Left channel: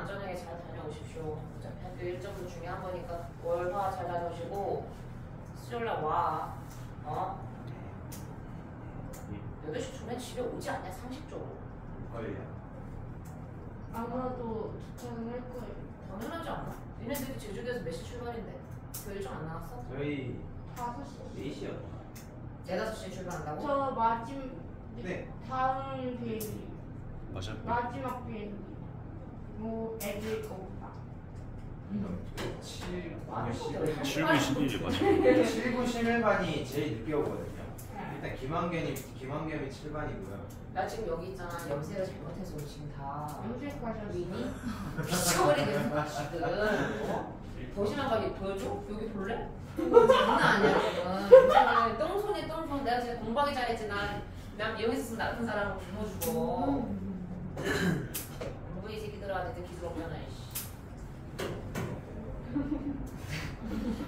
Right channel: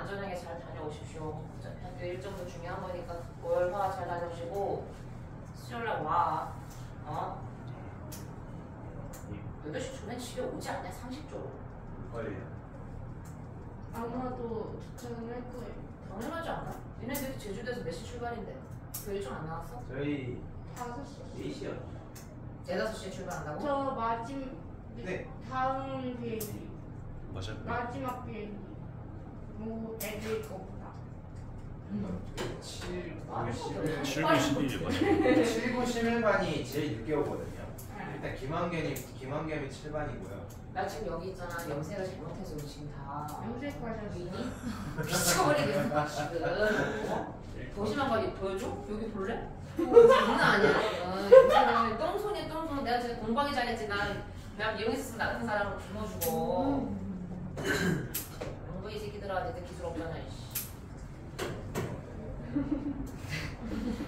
안전하게 잘 다녀오십시오. 학교 일정도 중요한 거니까 월화 잘 다녀오시고 수요일날 와. 8시 초면 집에 오지 않냐 상식적으로. 거예요. 아마도 도착을 할 거예요. 당연하지 않아? 얘네들이 제주도에서 몇 시 출발인데? 그 일정 안 나왔어? 저희 5시. 4시요. 4-5시에 출발한다고? 저 마지막 네. 다음 비행기. 맞아. 마지막 비행기. 뭐 애들 거보다. 7, 아, 9, 7, 9, 11 맞아. 7, 9, 11반이 제일 늦게 오거든요. 일단 김한겸이 7반이고요. 나 지금 여기 있잖아. 염색을 잘못해서 지금 다 염색 과자 위니? 미쳐버리겠어 지금. 보시면 빨리 보여줘? 여기 볼래? 장난 아니야 지금. 염색을 똥손에 똥손. 내가 지금 공부하기 잘했지. 나 미용했으면 나 같은 사람을 굶어주고. 공부 이 새끼들아 내 기술 없잖아.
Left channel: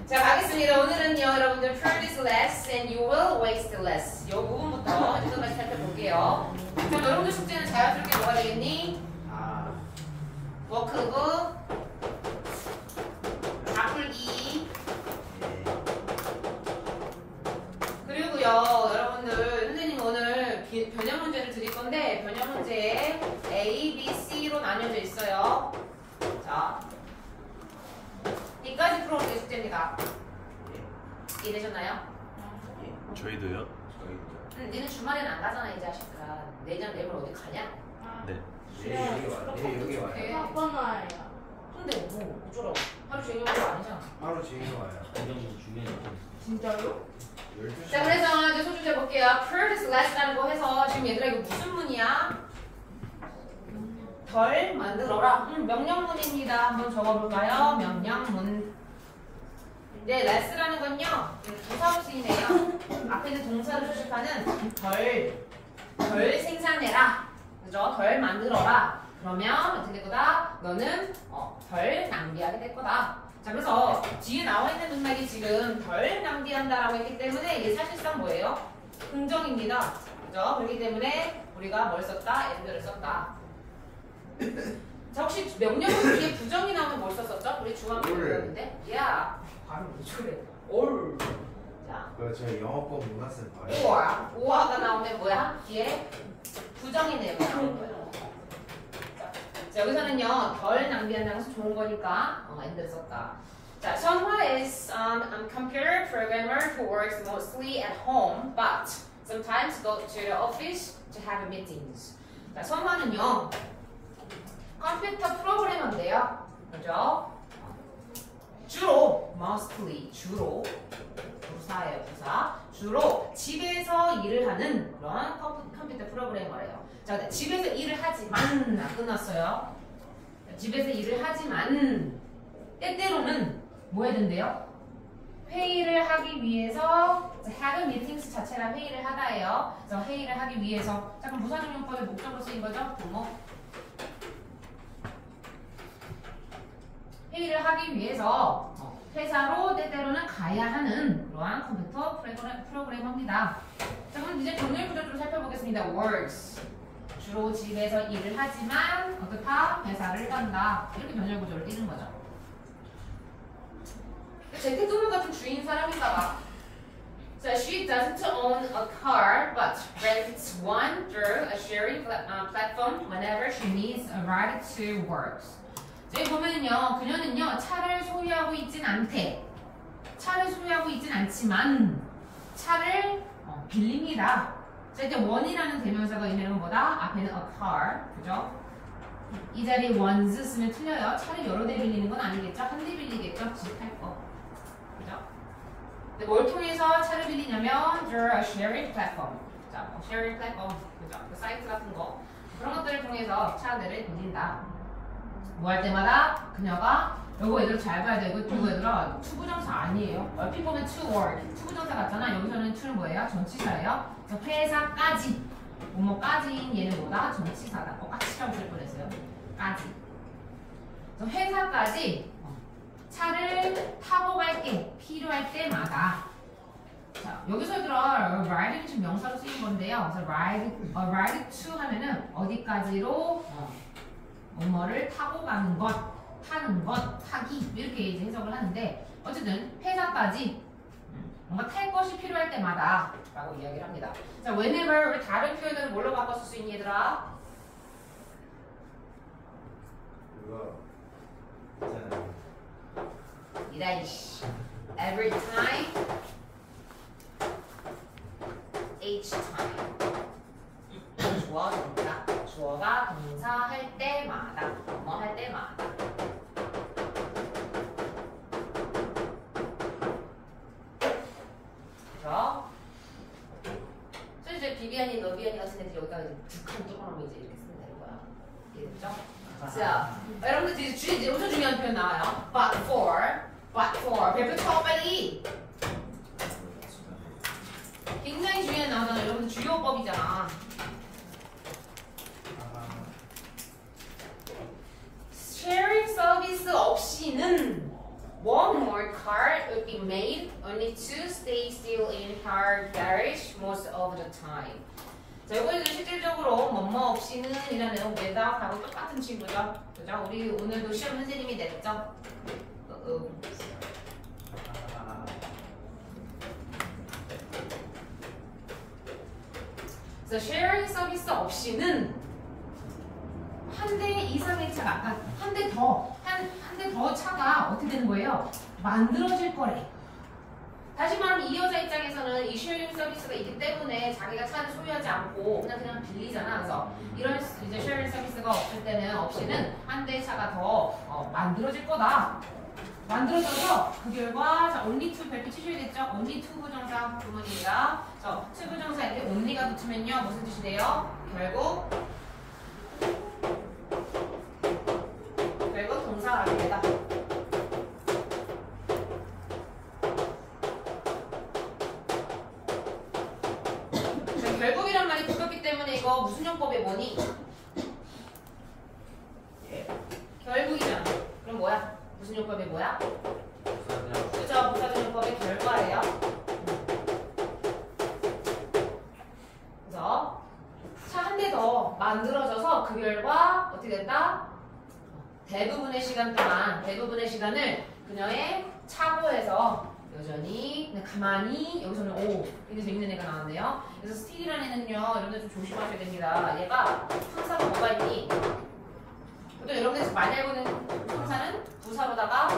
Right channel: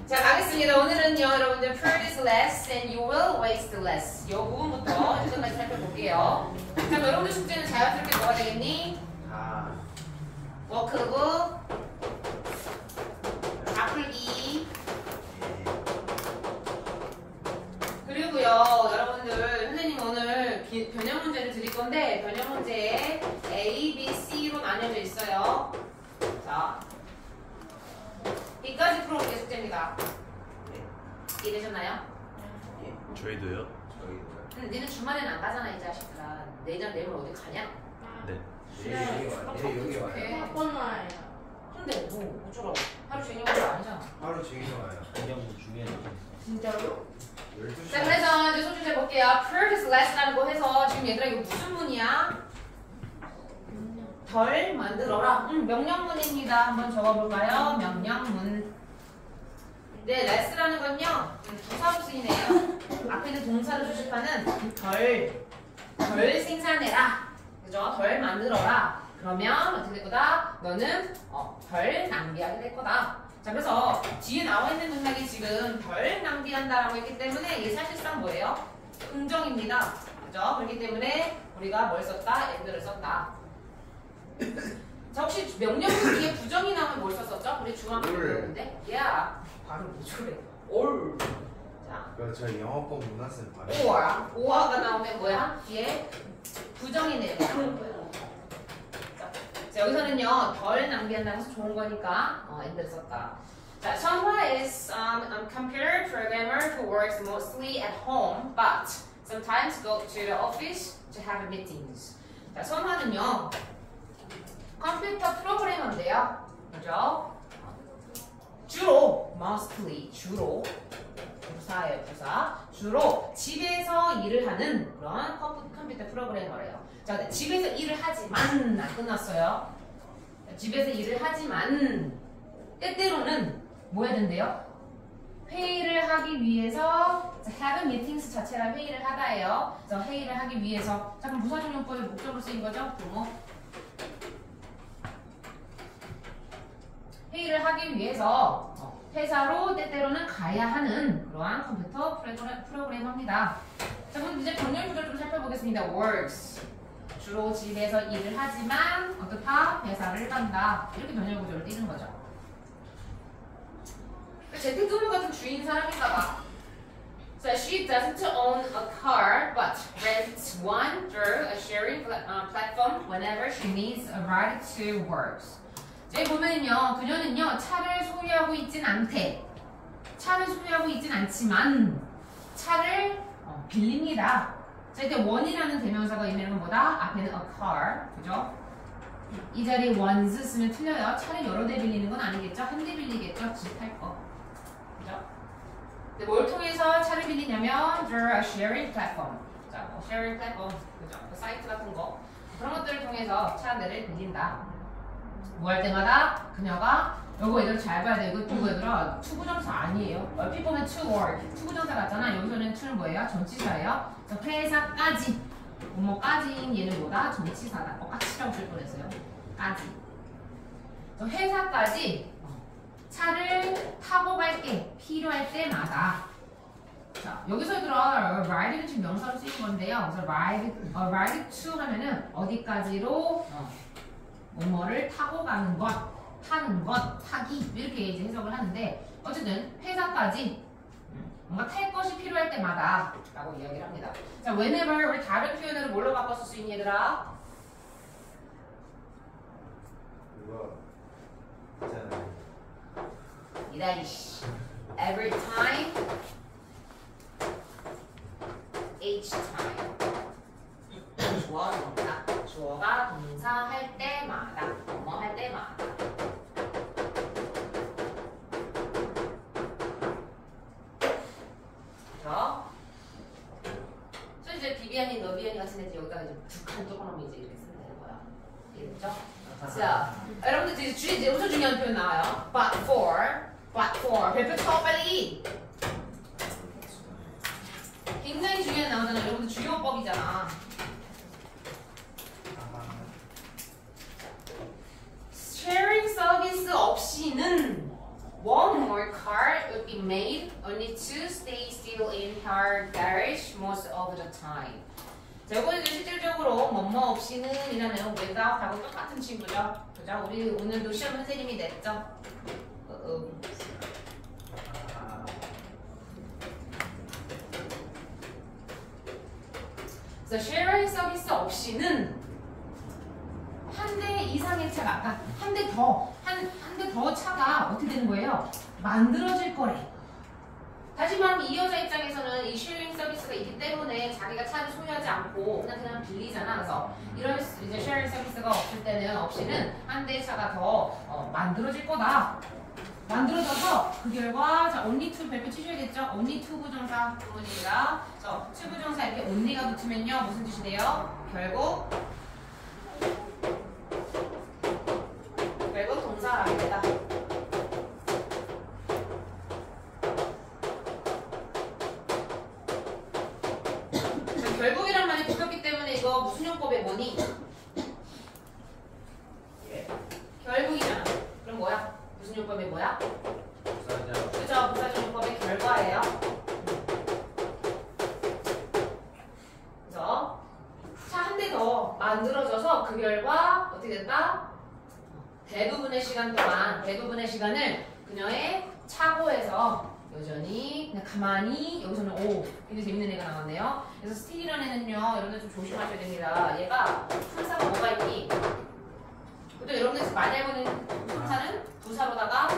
자 가겠습니다. 오늘은요 여러분들 practice less and you will waste less 이 부분부터 지금까지 살펴볼게요. 자 여러분들 숙제는 자연스럽게 뭐가 되겠니? 워크북 다 풀기 그리고요 여러분들 선생님 오늘 변형 문제를 드릴 건데 변형 문제에 A, B, C로 나뉘어져 있어요. 자 이까지 풀어볼게 숙제입니다. 이해되셨나요? 저희도요. 니는 주말에는 안 가잖아 이 자식들아. 내일 어디 가냐? 네. 여기 와요. 아빠는 와요. 근데 뭐 어쩌라고? 하루 종일 오는 거 아니잖아. 하루 종일 와요. 진짜로? 12시. 자 그래서 이제 소주제 볼게요. Previous less라는 거 해서 지금 얘들아 이거 무슨 문이야? 덜 만들어라. 명령문입니다. 한번 적어볼까요? 명령문. 네, less라는 건요 부사로 쓰이네요. 앞에 있는 동사를 수식하는 덜 생산해라. 그죠? 덜 만들어라. 그러면 어떻게 될 거다? 너는 덜 낭비하게 될 거다. 자 그래서 뒤에 나와 있는 맥락이 지금 덜 낭비한다라고 했기 때문에 이게 사실상 뭐예요? 긍정입니다. 그죠? 그렇기 때문에 우리가 뭘 썼다? and를 썼다. 자 혹시 명령문 뒤에 부정이 나오면 뭘 썼었죠? 우리 중학교 때 배웠는데? 바로 그래. 올. 자. 저희 영어법 문학생 바로. 오화가 나오면 뭐야? 뒤에 부정이네요. 나오는 거예요. 자 여기서는요 덜 낭비한다는 것은 좋은 거니까 and를 썼다. 자 선화 is computer programmer who works mostly at home but sometimes go to the office to have meetings. 자 선화는요 컴퓨터 프로그래머인데요. 그죠? 주로 mostly 주로 부사예요 부사. 주로 집에서 일을 하는 그런 컴퓨터 프로그래머래요. 자 집에서 일을 하지만 안 끝났어요. 집에서 일을 하지만 때때로는 뭐 해야 된대요? 회의를 하기 위해서 have meetings 자체가 회의를 하다예요. 그래서 회의를 하기 위해서 자 그럼 부사적용법의 목적으로 쓰인 거죠? 부모 회의를 하기 위해서 회사로 때때로는 가야 하는 그러한 컴퓨터 프로그래머입니다. 자 그럼 이제 병렬 구조 좀 살펴보겠습니다. works 주로 집에서 일을 하지만 어떻다? 회사를 간다. 이렇게 병렬 구조를 띄는 거죠. 재택근무 같은 주인 사람인가 봐. So she doesn't own a car but rents one through a sharing platform whenever she needs a ride to work. 여기 보면요, 그녀는요 차를 소유하고 있진 않대. 차를 소유하고 있진 않지만 차를 빌립니다. 자, 이때 one이라는 대명사가 의미하는 뭐다? 앞에는 a car, 그죠? 이 자리에 ones 쓰면 틀려요. 차를 여러 대 빌리는 건 아니겠죠? 한 대 빌리겠죠? 집 할 거, 그죠? 근데 뭘 통해서 차를 빌리냐면 through a sharing platform. 자, 뭐 sharing platform, 그죠? 그 사이트 같은 거 그런 것들을 통해서 차들을 빌린다. 뭐 할 때마다 그녀가 요거 얘들 잘 봐야 돼. 이거 얘들아 투부정사 아니에요. 얼핏 보면 to work 투부정사 같잖아. 여기서는 to는 뭐예요? 전치사예요. 그래서 회사까지 뭐뭐까지인 얘는 뭐다? 전치사다. 까치라고 쓸 뻔했어요. 까지. 그래서 회사까지 차를 타고 갈게 필요할 때마다. 자 여기서 얘들아 ride는 지금 명사로 쓰인 건데요. 그래서 ride to 하면은 어디까지로 뭐뭐를 타고 가는 것, 타는 것, 타기 이렇게 이제 해석을 하는데 어쨌든 회사까지 뭔가 탈 것이 필요할 때마다 라고 이야기를 합니다. 자, whenever 우리 다른 표현으로 뭘로 바꿔 쓸 수 있니 얘들아? 그거 있잖아요. 이다이씨 every time each time 주어 동사 주어가 동사 할 때마다 뭐 할 때마다 그죠? 저 이제 비비안이 너비안이 같은 애들 여기다가 이제 북한 조금하면 이제 이렇게 쓰면 되는 거야. 이해됐죠? 자, 여러분들 이제 엄청 중요한 표현 나와요. But for 별표 쳐 빨리. 굉장히 중요한 나오잖아. 여러분들 주요법이잖아. Sharing 서비스 없이는 one more car would be made only to stay still in her garage most of the time. 자, 이거는 실질적으로 뭐뭐 없이는 이라는 내용 외답하고 똑같은 친구죠. 그죠? 우리 오늘도 시험 선생님이 냈죠? 그래서 sharing 서비스 없이는 한 대 이상의 차가, 그러니까 한 대 더 차가 어떻게 되는 거예요? 만들어질 거래. 다시 말하면 이 여자 입장에서는 이 쉐어링 서비스가 있기 때문에 자기가 차를 소유하지 않고 그냥 빌리잖아. 그래서 이런 이제 쉐어링 서비스가 없을 때는 없이는 한 대 차가 더 만들어질 거다. 만들어져서 그 결과 자 only to 별표 치셔야겠죠? only to 부정사 부분입니다. 자, to 부정사 이렇게 only가 붙으면요 무슨 뜻이 돼요? 결국 동사가 됩니다. 결국이란 말이 붙었기 때문에 이거 무슨 용법에 뭐니? 예? 결국이잖아. 그럼 뭐야? 무슨 용법이 뭐야? 부사적. 그죠? 부사적 용법의 결과예요. 그래서 차 한 대 더 만들어져서 그 결과 어떻게 됐다? 대부분의 시간 동안 대부분의 시간을 그녀의 차고에서 여전히 그냥 가만히 여기서는 오 굉장히 재밌는 애가 나왔네요. 그래서 스틸이라는 애는요 여러분들 좀 조심하셔야 됩니다. 얘가 품사가 뭐가 있니? 또 여러분들 많이 알고 있는 품사는 부사로다가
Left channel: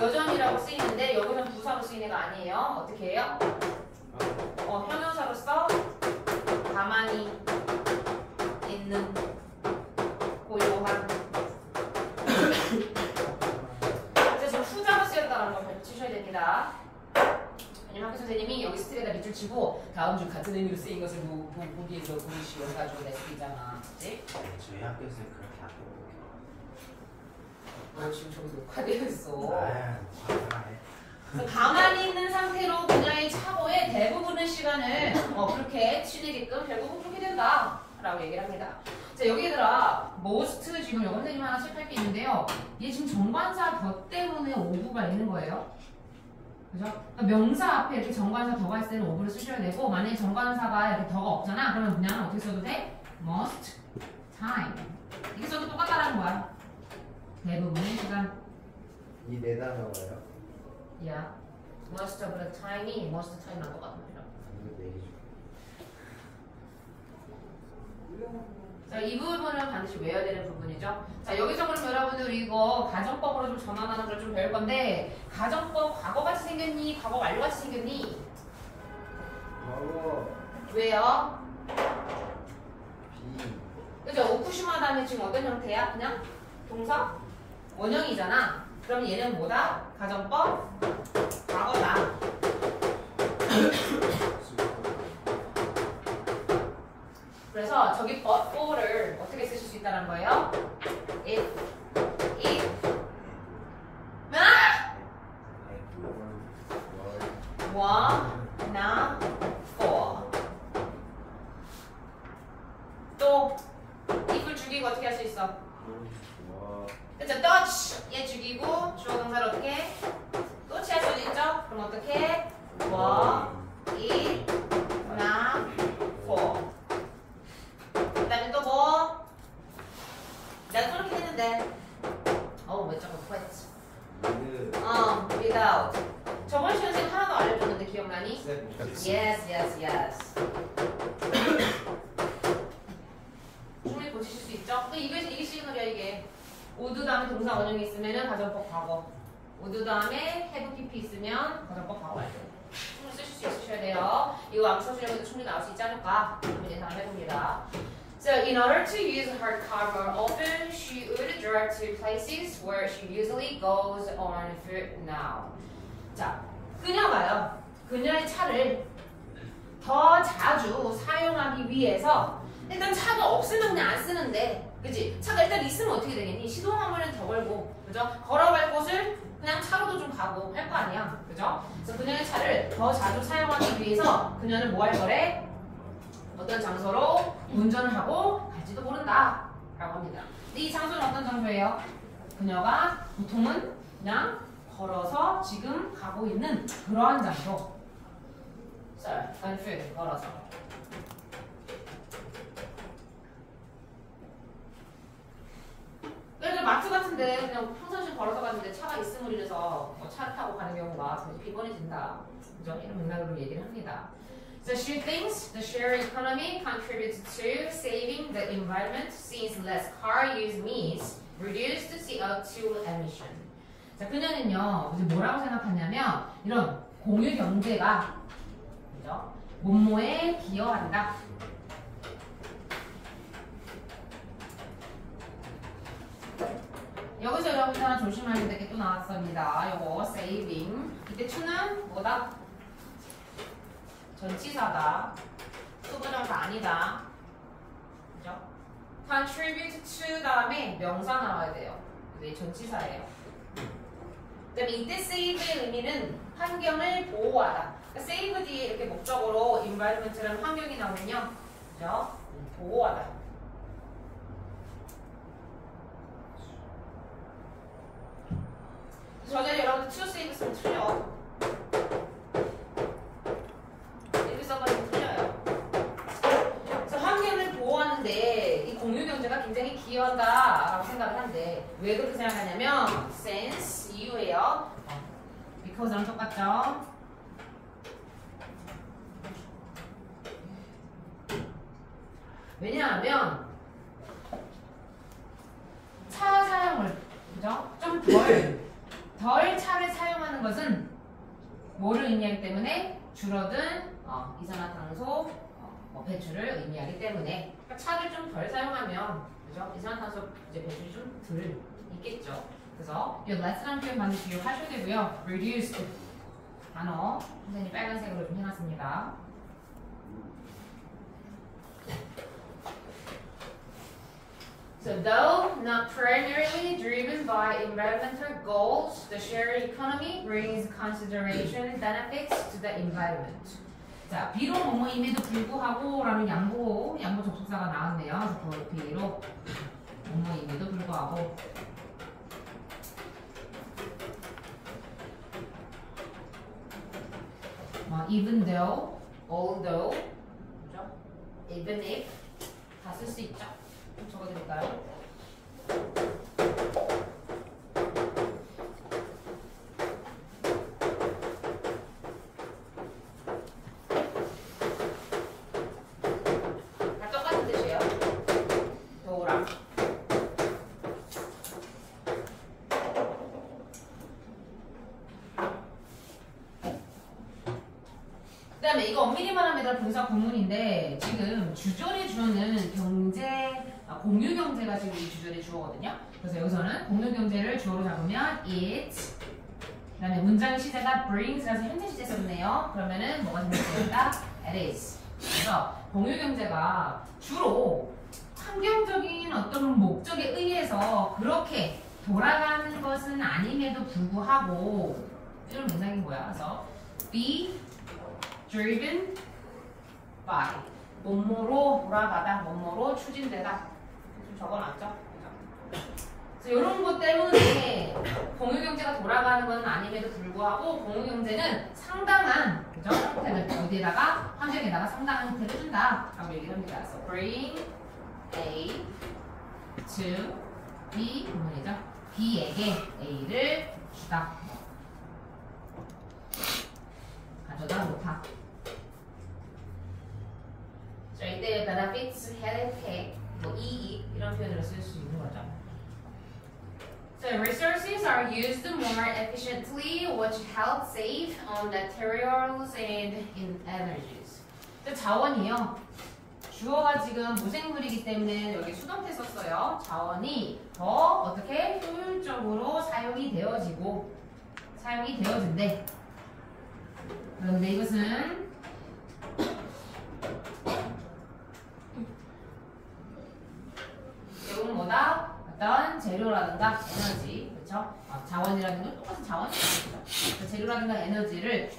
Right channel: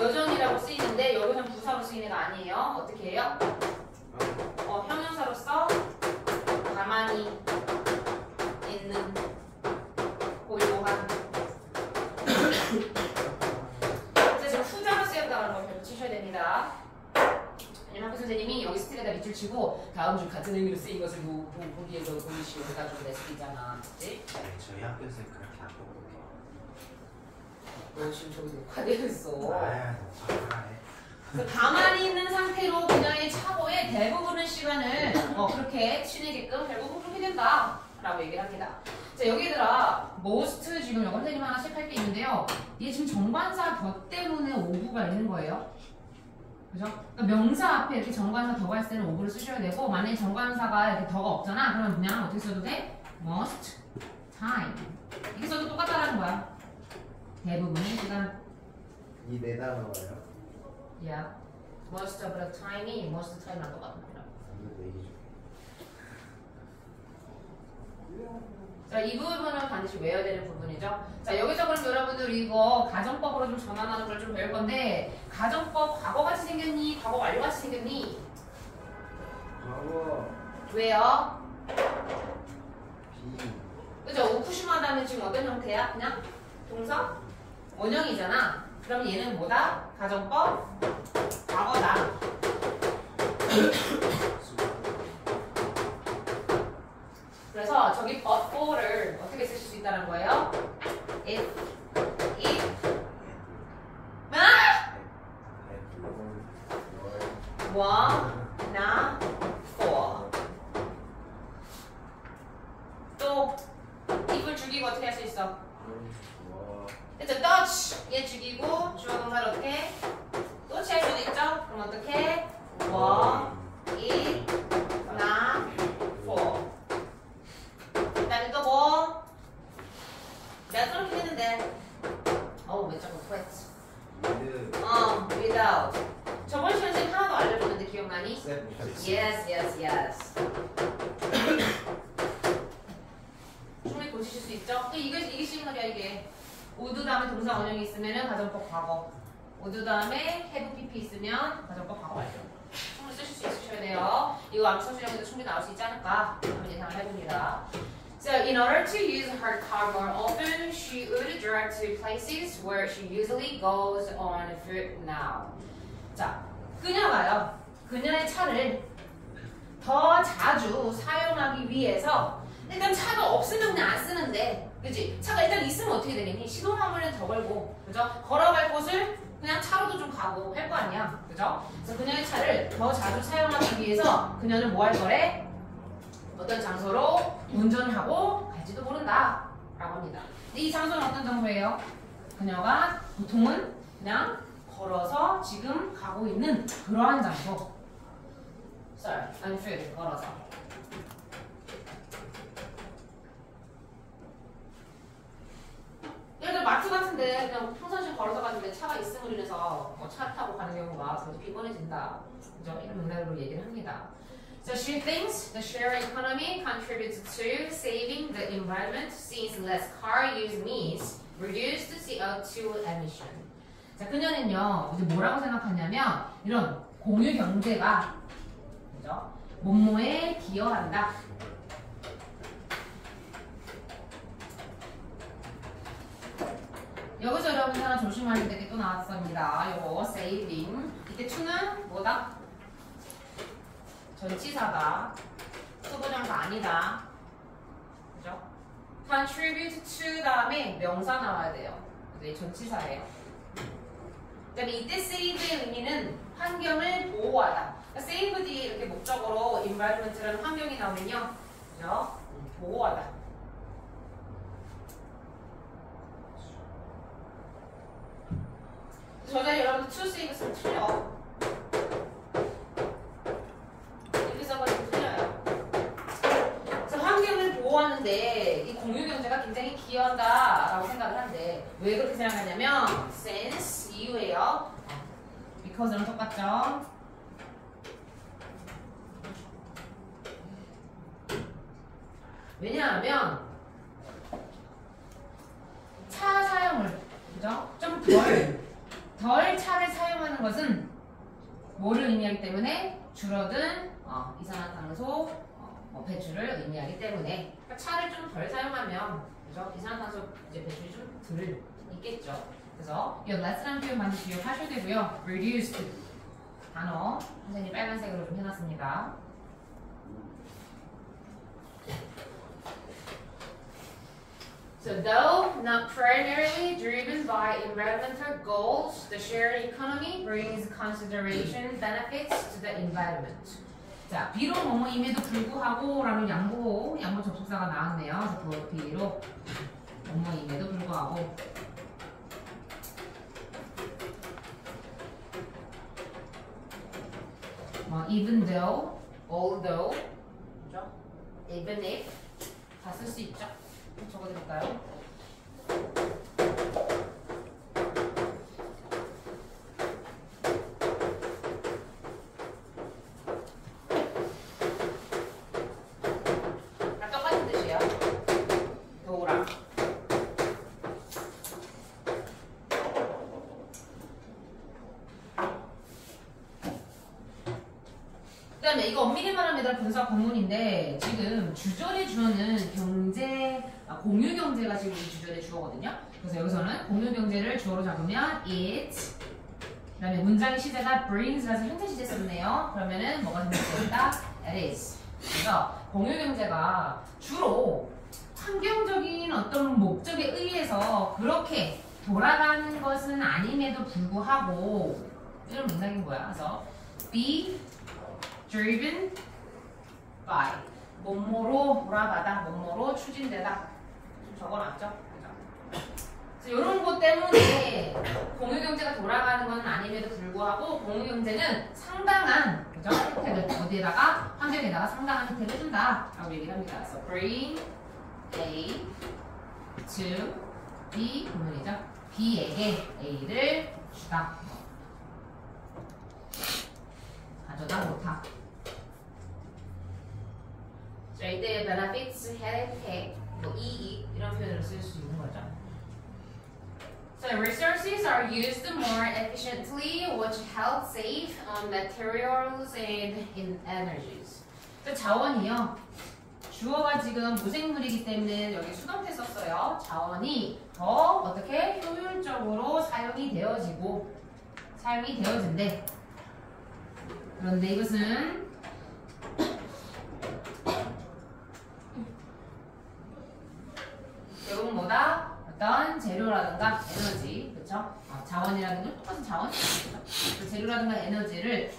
여전히라고 쓰이는데 여기서는 부사로 쓰이는 애가 아니에요. 어떻게 해요? 형용사로서 가만히 있는 고요한 그래서 지금 후자가 쓰였다는 걸 치셔야 됩니다. 왜냐면 학교 선생님이 여기 스틸에다 밑줄 치고 다음 줄 같은 의미로 쓰인 것을 보기에서 보이시오 해가지고 냈으잖아. 그치? 네, 저희 학교에서 그렇게 안 먹어요. 지금 저기 녹화되어 있어. 아유, 그래서 가만히 있는 상태로 그녀의 차고에 대부분의 시간을 그렇게 치내게끔 결국은 그렇게 된다 라고 얘기를 합니다. 자, 여기들아 most 지금 영어 선생님 하나 체크할 게 있는데요. 얘 지금 정관사 더 때문에 오브가 있는 거예요. 그죠? 그러니까 명사 앞에 이렇게 정관사 더가 있을 때는 오브를 쓰셔야 되고 만약에 정관사가 이렇게 더가 없잖아. 그러면 그냥 어떻게 써도 돼? most time 이렇게 써도 똑같다는 거야. 대부분의 시간. 이 네 단어가요? Yeah. most of the time이 most time랑 똑같습니다. 이거 네 개. 자, 이 부분은 반드시 외워야 되는 부분이죠. 자, 여기서 그럼 여러분들 이거 가정법으로 좀 전환하는 걸 좀 배울 건데 가정법 과거같이 생겼니? 과거 완료같이 생겼니? 과거 왜요? B 그죠? 오쿠시마다는 지금 어떤 형태야? 그냥 동사? 원형이잖아. 그럼 얘는 뭐다? 가정법 과거다. 그래서 저기 but for를 어떻게 쓰실 수 있다는 거예요? if wanna for 또 if을 죽이고 어떻게 할 수 있어? 그쵸? touch 얘 죽이고 주어 동사를 어떻게? touch 할 수도 있죠? 그럼 어떻게? wanna for 그다음에 또 뭐? 내가 저렇게 했는데 왜 자꾸 quit with without 저번 시간에 하나도 알려줬는데 기억나니? except Yes. 충분히 고치실 수 있죠? 이게 시그널이야 이게. would 다음에 동사 원형이 있으면 가정법 과거. would 다음에 have PP 있으면 가정법 과거야. 충분히 쓰실 수 있으셔야 돼요. 이거 암수 수량에도 충분히 나올 수 있지 않을까? 한번 예상을 해봅니다. So in order to use her car more often, she would drive to places where she usually goes on foot now. 자, 그녀가요. 그녀의 차를 더 자주 사용하기 위해서 일단 차가 없으면 그냥 안 쓰는데, 그치? 차가 일단 있으면 어떻게 되겠니? 시동하면 더 걸고, 그죠? 걸어갈 곳을 그냥 차로도 좀 가고 할 거 아니야, 그죠? 그래서 그녀의 차를 더 자주 사용하기 위해서 그녀는 뭐 할 거래? 어떤 장소로 운전을 하고 갈지도 모른다 라고 합니다. 근데 이 장소는 어떤 장소예요? 그녀가 보통은 그냥 걸어서 지금 가고 있는 그러한 장소. on foot, 걸어서. 예를 들어 마트 같은데 그냥 평상시에 걸어서 갔는데 차가 있음을 인해서 차를 타고 가는 경우가 더 피곤해진다. 그죠? 이런 맥락으로 얘기를 합니다. So she thinks the sharing economy contributes to saving the environment since less car use means reduced CO2 emission. 자, 그녀는요, 이제 뭐라고 생각하냐면 이런 공유 경제가 그죠? 뭐뭐에 기여한다. 여기서 여러분들 하나 조심하셔야 될 게 또 나왔습니다. 요거 saving. 이때 to는 뭐다? 전치사다. 수부정사 아니다. 그죠? contribute to 다음에 명사 나와야 돼요. 그래서 이 전치사예요. 그다음에 이때 save의 의미는 환경을 보호하다. 그러니까 save 뒤에 이렇게 목적으로 environment라는 환경이 나오면요. 그죠? 보호하다. 저자 여러분들 to save 쓰면 틀려. 이렇게 써가지고 틀려요. 그래서 환경을 보호하는데 이 공유 경제가 굉장히 기여한다라고 생각을 하는데 왜 그렇게 생각하냐면 since 이유예요. because랑 똑같죠. 왜냐하면 차 사용을 그죠? 좀 덜 차를 사용하는 것은 뭐를 의미하기 때문에 줄어든 이산화탄소 배출을 의미하기 때문에 그러니까 차를 좀 덜 사용하면 그죠? 이산화탄소 이제 배출이 좀 덜 있겠죠. 그래서 이 less라는 표현 반드시 기억하셔야 되고요. reduced 단어 선생님 빨간색으로 좀 해놨습니다. So though not primarily driven by environmental goals, the sharing economy brings consideration benefits to the environment. 자, 비록 뭐뭐임에도 불구하고 라는 양보 접속사가 나왔네요. 그래서 그 뒤로 뭐뭐임에도 불구하고 even though, although, 그죠? even if 다 쓸 수 있죠. 적어드릴까요? 다 똑같은 뜻이에요. 도우랑. 그 다음에 이거 엄밀히 말하면 분사 구문인데 지금 주절이 주어는 공유 경제가 지금 이 주절의 주어거든요. 그래서 여기서는 공유 경제를 주어로 잡으면 it, 그 다음에 문장의 시제가 brings라서 현재 시제 썼네요. 그러면은 뭐가 생겼습니까? it is. 그래서 공유 경제가 주로 환경적인 어떤 목적에 의해서 그렇게 돌아가는 것은 아님에도 불구하고 이런 문장인 거야. 그래서 be driven by 뭐뭐로 돌아가다, 뭐뭐로 추진되다. 좀 적어놨죠? 그래서 이런 것 때문에 공유경제가 돌아가는 건 아님에도 불구하고 공유경제는 상당한 그죠? 혜택을 어디에다가 환경에다가 상당한 혜택을 준다 라고 얘기를 합니다. 그래서 bring A to B 부분이죠. B에게 A를 주다. 가져다 놓다. 자, 이때 benefits, 혜택, 뭐 이익 이런 표현으로 쓸 수 있는 거죠. So resources are used more efficiently, which helps save on materials and in energies. 자원이요. 주어가 지금 무생물이기 때문에 여기 수동태 썼어요. 자원이 더 어떻게 효율적으로 사용이 되어진대. 그런데 이것은 이건 뭐다? 어떤 재료라든가 에너지, 그렇죠? 자원이라는 건 똑같은 자원이죠. 재료라든가 에너지를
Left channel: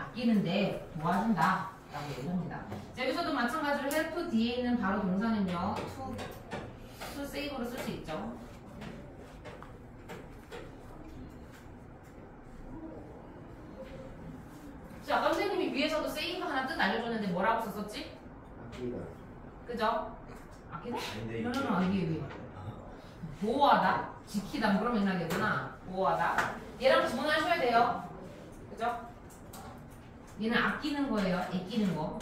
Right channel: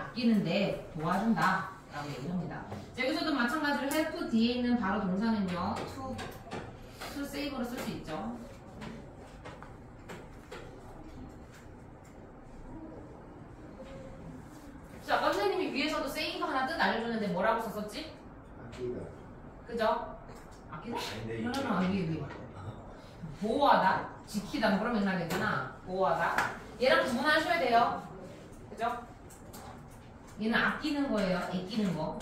아끼는데 도와준다. 라고 얘기합니다. 여기서도 마찬가지로 help 뒤에 있는 바로 동사는요. to save로 쓸 수 있죠. 자, 아까 선생님이 위에서도 save 하나 뜻 알려줬는데 뭐라고 썼었지? 아끼다. 그죠? 아끼다? 아닌데 위에. 보호하다, 지키다 그런 맥락이잖아. 보호하다. 얘랑 구분하셔야 돼요. 그죠? 얘는 아끼는 거예요. 아끼는 거.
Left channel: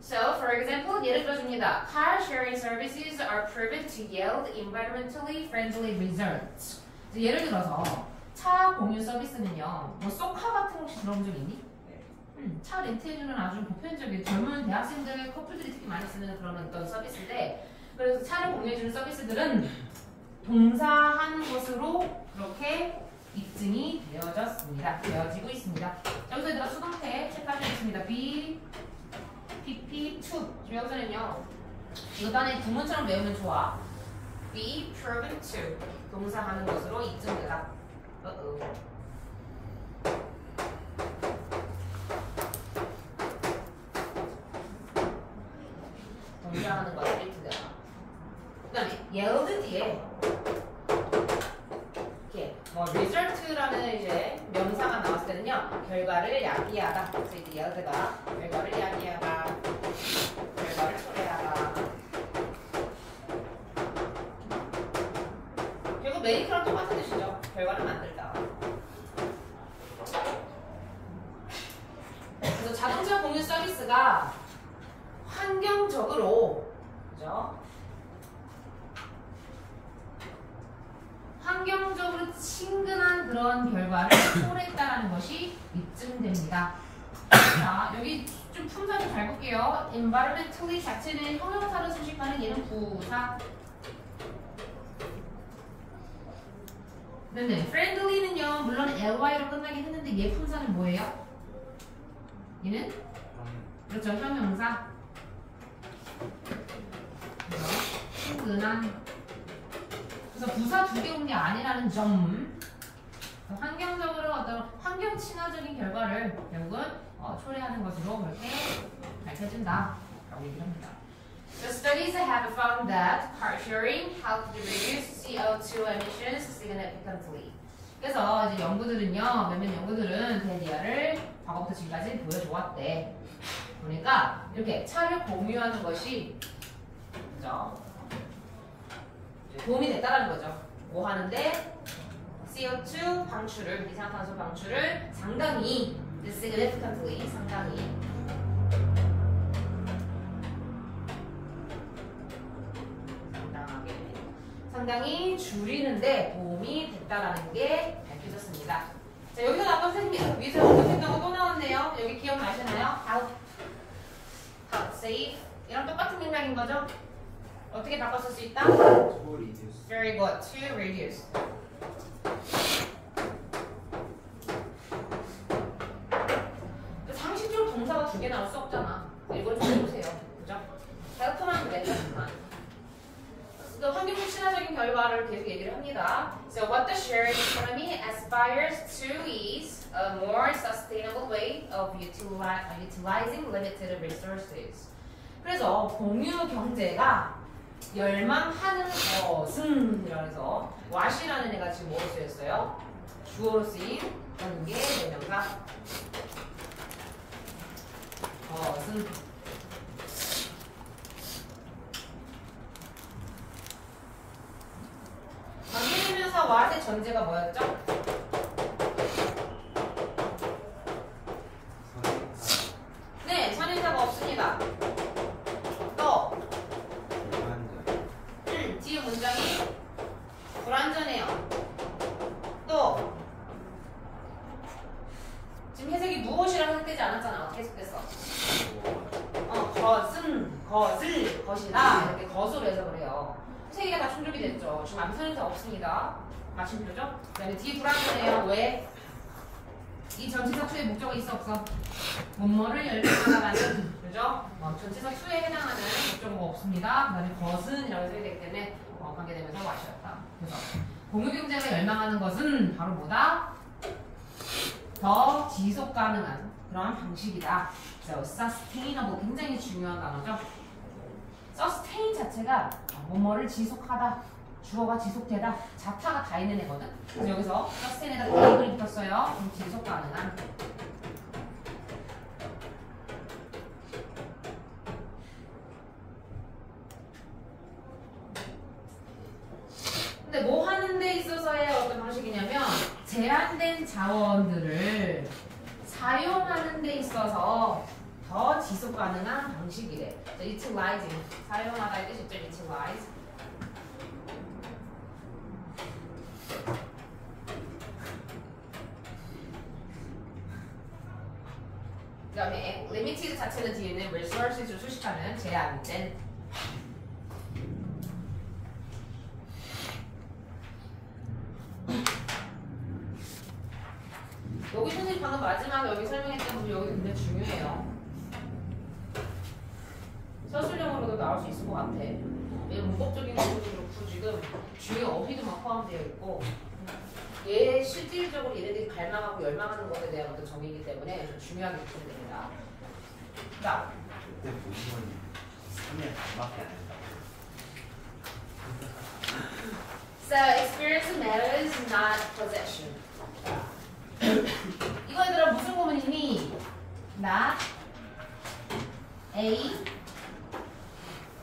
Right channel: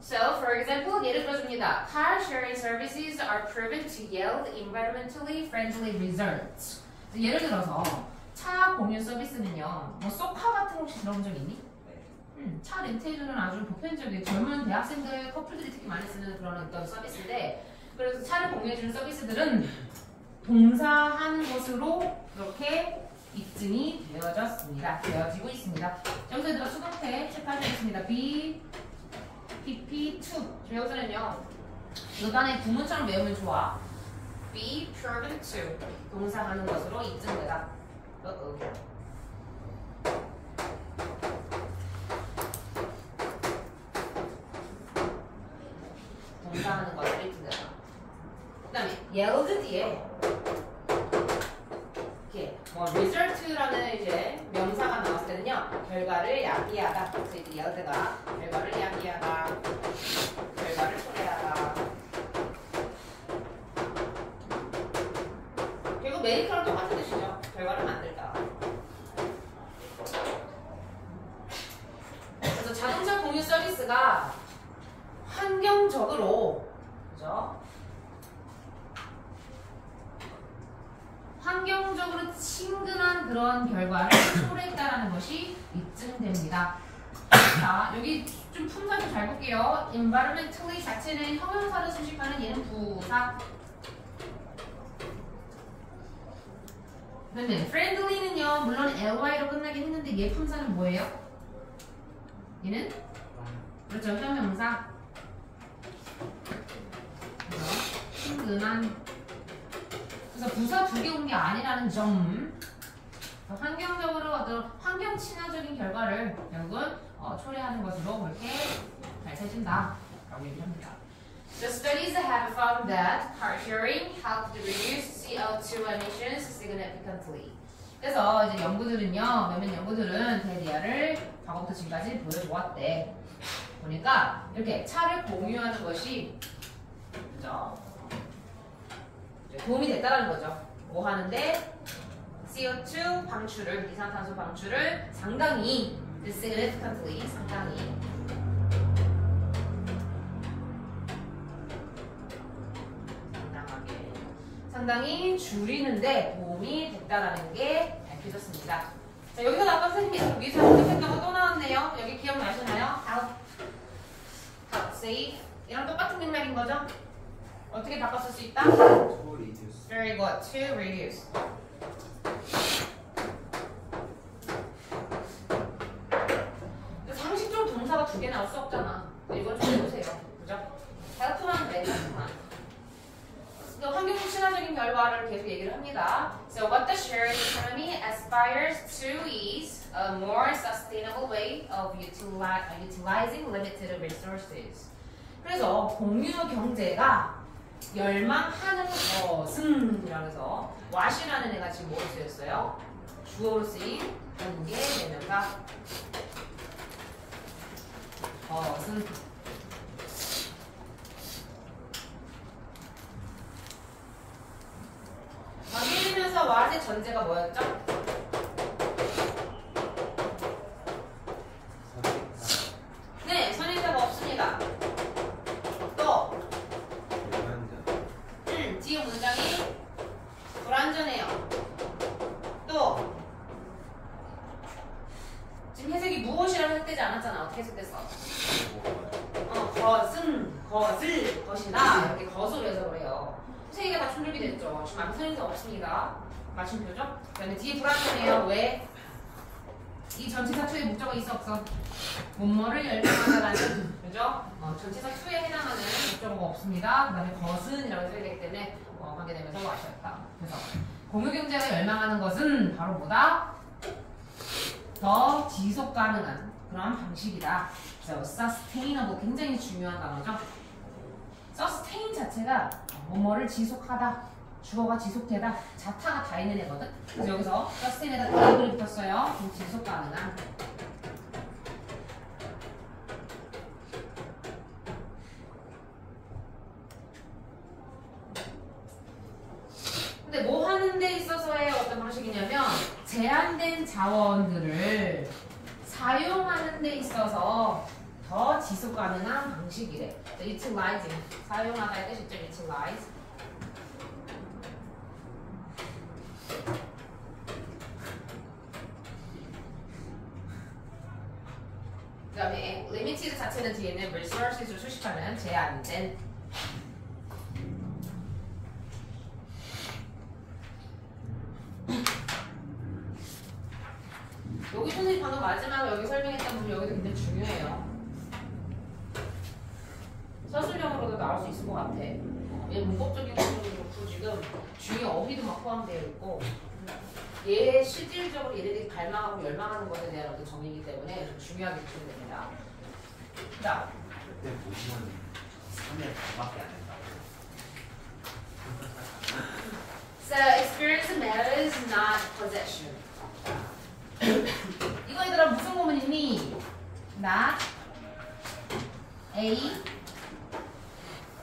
So, for example, 예를 들어줍니다. Car sharing services are proven to yield environmentally friendly results. 예를 들어서 차 공유 서비스는요. 뭐 쏘카 같은 거 혹시 들어본 적 있니? 차 렌트해주는 아주 보편적인 젊은 대학생들 커플들이 특히 많이 쓰는 그런 어떤 서비스인데, 그래서 차를 공유해주는 서비스들은 동사한 것으로 그렇게 입증이 되어지고 있습니다. 여기서 얘들아 수동태 체크하시겠습니다. B, PP2. 여기서는요, 일반의 구문처럼 외우면 좋아. Be proven to. 동사하는 것으로 입증되다. 동사하는 것으로 입증되다. 그 다음에 yield 뒤에 result라는 이제 명사가 나왔을 때는요, 결과를 야기하다. 그래서 이게 yield가 결과를 야기하다, 결과를 초래하다. 결국 메이크랑 똑같은 뜻이죠. 결과를 만들다. 그래서 자동차 공유 서비스가 환경적으로, 그죠? 환경적으로 친근한 그런 결과를 초래했다는 것이 입증됩니다. 자, 여기 좀 품사 좀 잘 볼게요. environmentally 자체는 형용사로 수식하는 얘는 부사. 근데 friendly는요, 물론 ly로 끝나긴 했는데 얘 품사는 뭐예요? 얘는? 그렇죠, 형용사. 친근한. 그래서 부사 두 개 온 게 아니라는 점. 환경적으로 어떤 환경 친화적인 결과를 결국은 초래하는 것으로 그렇게 밝혀진다라고 얘기를 합니다. The studies have found that car sharing helped reduce CO2 emissions significantly. 그래서 이제 연구들은요, 몇몇 연구들은 대리아를 과거부터 지금까지 보여주었대. 보니까 이렇게 차를 공유하는 것이, 그죠? 도움이 됐다는 거죠. 뭐 하는데? CO2 방출을, 이산화탄소 방출을 상당히, significantly, 상당히 줄이는데 도움이 됐다라는 게 밝혀졌습니다. 자, 여기서 아까 선생님이 위에서 언급했던 거 또 나왔네요. 여기 기억나시나요? Help save. 이랑 똑같은 맥락인 거죠? 어떻게 바꿨을 수 있다? To reduce. Very good. To reduce. 상식적으로 동사가 두 개 나올 수 없잖아. 이건 좀 해보세요. 그죠? help만 그래, help만. 또 환경 친화적인 결과를 계속 얘기를 합니다. So what the sharing economy aspires to is a more sustainable way of utilizing limited resources. 그래서 공유 경제가 열망하는 것은 이라면서 what이라는 애가 지금 뭐로 쓰였어요? 주어로 쓰인 관계 대명사 것은 전제가 뭐였죠? 네, 선행사가 없습니다. 또 뒤에 문장이 불완전해요. 또 지금 해석이 무엇이라고 해석되지 않았잖아. 어떻게 해석됐어? 것을, 것이다 이렇게 것으로 해석을 해요. 세 개가 다 충족이 됐죠. 지금 앞에 선행사 없습니다. 마침표죠? 그다음에 뒤에 불완전해요. 왜? 이 전치사 투의 목적어 있어 없어? 뭐뭐를 열명하다라는 그죠? 전치사 투에 해당하는 목적어가 없습니다. 그 다음에 것은이라고 써야 되기 때문에 관계되면서 와셨다. 그래서 공유경제가 열망하는 것은 바로 뭐다? 더 지속 가능한 그런 방식이다. 그래서 sustainable 굉장히 중요한 단어죠. sustain 자체가 뭐뭐를 지속하다, 주어가 지속되다, 자타가 다 있는 애거든. 그래서 여기서 sustain에다 table이 붙었어요. 그럼 지속 가능한. 근데 뭐 하는 데 있어서의 어떤 방식이냐면 제한된 자원들을 사용하는 데 있어서 더 지속 가능한 방식이래. utilizing 사용하다의 뜻이죠. utilize. 그 다음에 limited 자체는 뒤에는 resources를 수식하는 제한된. 여기 선생님 방금 마지막에 여기 설명했던 부분 여기도 굉장히 중요해요. 서술형으로도 나올 수 있을 것 같아. 얘 문법적인 부분도 그렇고 지금 중요 어휘도 막 포함되어 있고 얘 실질적으로 얘네들이 갈망하고 열망하는 것에 대한 어떤 정의이기 때문에 좀 중요하게 느끼게 됩니다. 자, 그때 보시면 3년 반밖에 안 된다. So experience matters, not possession. 이거 얘들아 무슨 구문이니? Not A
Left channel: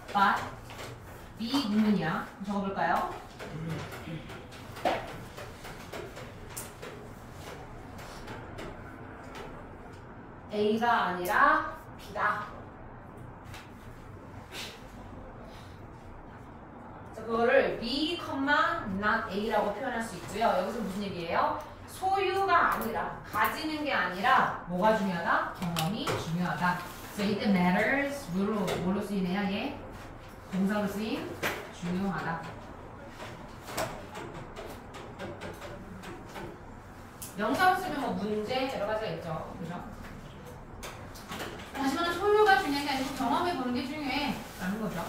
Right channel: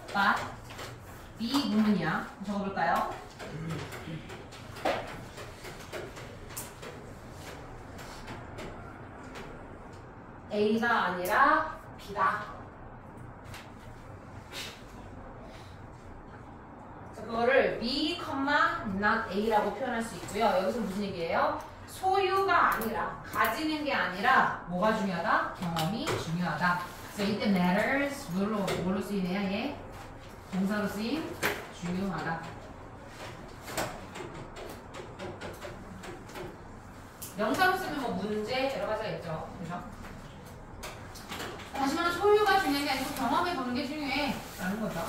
but B 구문이야. 적어볼까요? A가 아니라 B다. 자, 그거를 B, not A라고 표현할 수 있고요. 여기서 무슨 얘기예요? 소유가 아니라, 가지는 게 아니라 뭐가 중요하다? 경험이 중요하다. 그래서 이때 matters 뭘로 쓰이네요? 얘 동사로 쓰인 중요하다. 명사로 쓰면 뭐 문제 여러 가지가 있죠. 그죠? 하지만 소유가 중요한 게 아니고 경험해 보는 게 중요해 라는 거죠.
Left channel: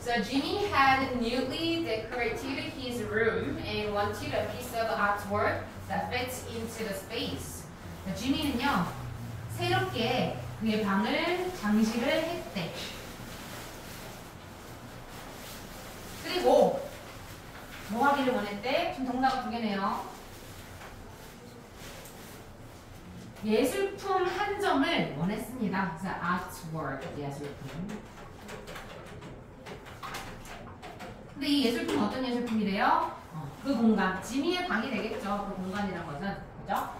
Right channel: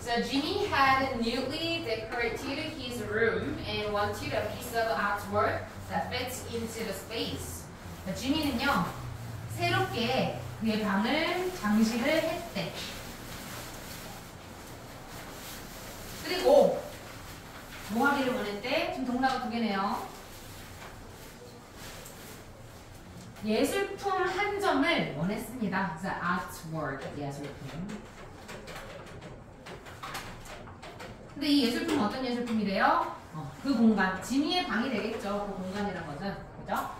So Jimmy had newly decorated his room and wanted a piece of artwork that fits into the space. 지민은요 새롭게 그의 방을 장식을 했대. 그리고 뭐 하기를 원했대? 지금 동사가 두 개네요. 예술품 한 점을 원했습니다. 그래서 artwork 예술품. 근데 이 예술품 어떤 예술품이래요? 그 공간, 지미의 방이 되겠죠. 그 공간이란 것은 그죠?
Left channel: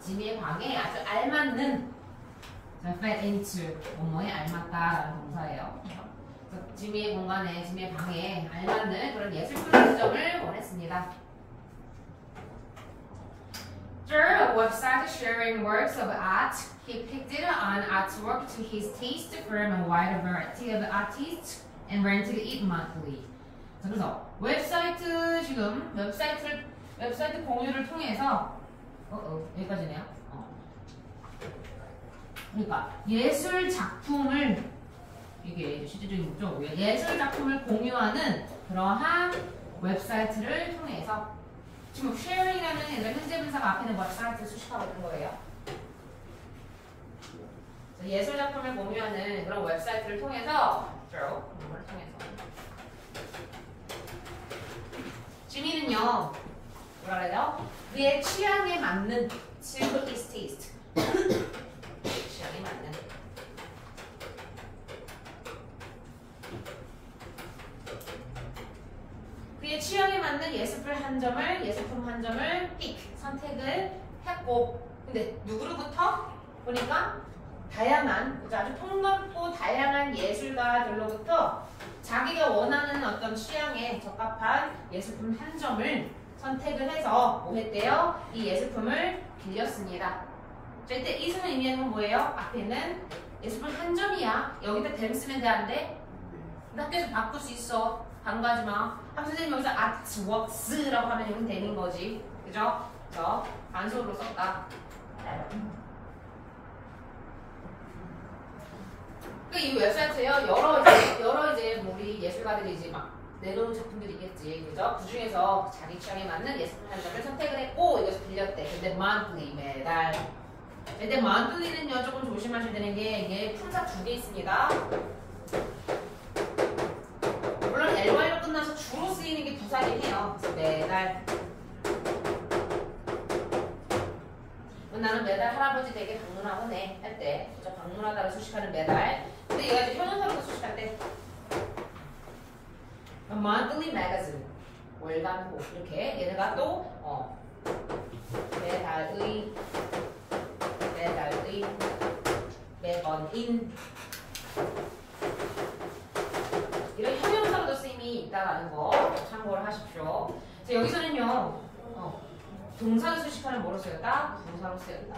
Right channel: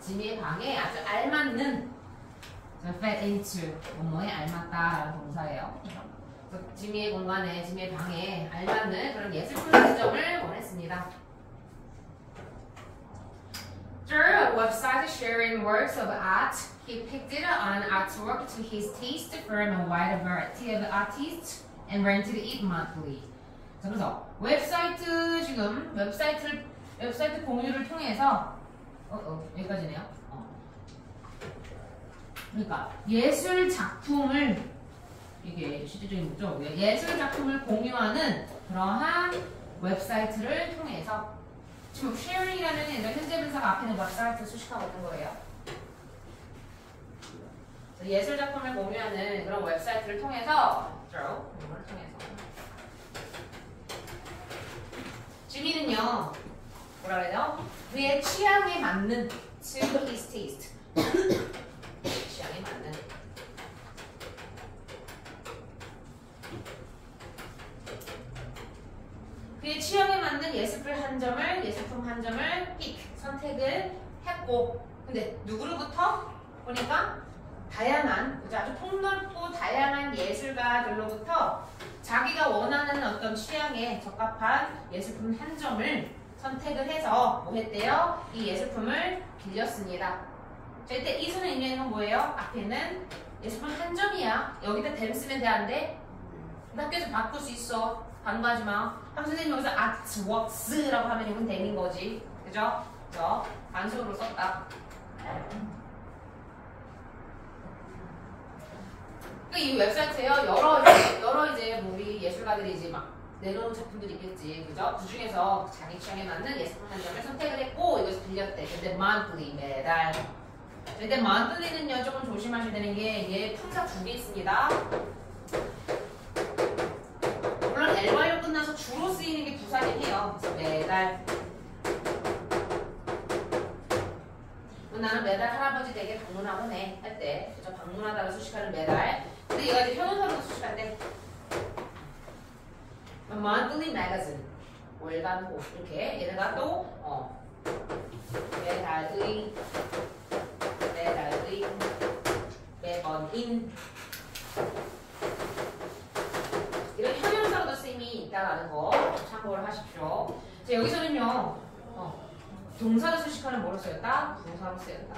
지미의 방에 아주 알맞는 fit into 뭐뭐에 알맞다라는 동사예요. 그래서 지미의 공간에, 지미의 방에 알맞는 그런 예술품 한 점을 원했습니다. Through a website sharing works of art, he picked an artwork to his taste from a wide variety of artists and rented it monthly. 자, 그래서 웹사이트 지금 웹사이트 공유를 통해서 여기까지네요. 그러니까 예술 작품을 이게 실질적인 목적이고요. 예술 작품을 공유하는 그러한 웹사이트를 통해서 지금 sharing이라는 현재 분사가 앞에 있는 웹사이트를 수식하고 있는 거예요. 예술 작품을 공유하는 그런 웹사이트를 통해서 공유를 통해서 지민은요 뭐라 그래요? 그의 취향에 맞는 to his taste 취향에 맞는 그의 우리의 취향에 맞는 예술품 한 점을 선택을 했고, 근데 누구로부터? 보니까 다양한, 아주 폭넓고 다양한 예술가들로부터 자기가 원하는 어떤 취향에 적합한 예술품 한 점을 선택을 해서 뭐 했대요? 이 예술품을 빌렸습니다. 자, 이때 이수는 의미하는 건 뭐예요? 앞에 있는 예술품 한 점이야. 여기다 댐 쓰면 돼, 안 돼? 학교에서 바꿀 수 있어. 반가지 마. 선생님 여기서 artworks라고 하면 이건 댐인 거지. 그죠? 그래서 간소로 썼다. 이 웹사이트에요. 여러 이제 우리 예술가들이 이제 막 내놓은 작품들이 있겠지. 그죠? 그 중에서 자기 취향에 맞는 예술품 한 점을 선택을 했고 이것을 빌렸대. 근데 monthly 매달. 근데 monthly는요 조금 조심하셔야 되는 게 얘 품사 2개 있습니다. 물론 LY로 끝나서 주로 쓰이는 게 부사긴 해요. 그래서 매달. 나는 매달 할아버지 댁에 방문하곤 해. 할 때. 그죠? 방문하다가 수식하는 매달. 근데 얘가 이제 형용사로도 수식한대. monthly magazine. 월간호. 이렇게. 얘네가 또, 매달의, 매번인. 이런 형용사로도 쓰임이 있다라는 거 참고를 하십시오. 자, 여기서는요, 동사로 수식하는 뭐로 쓰였다? 동사로 쓰였다.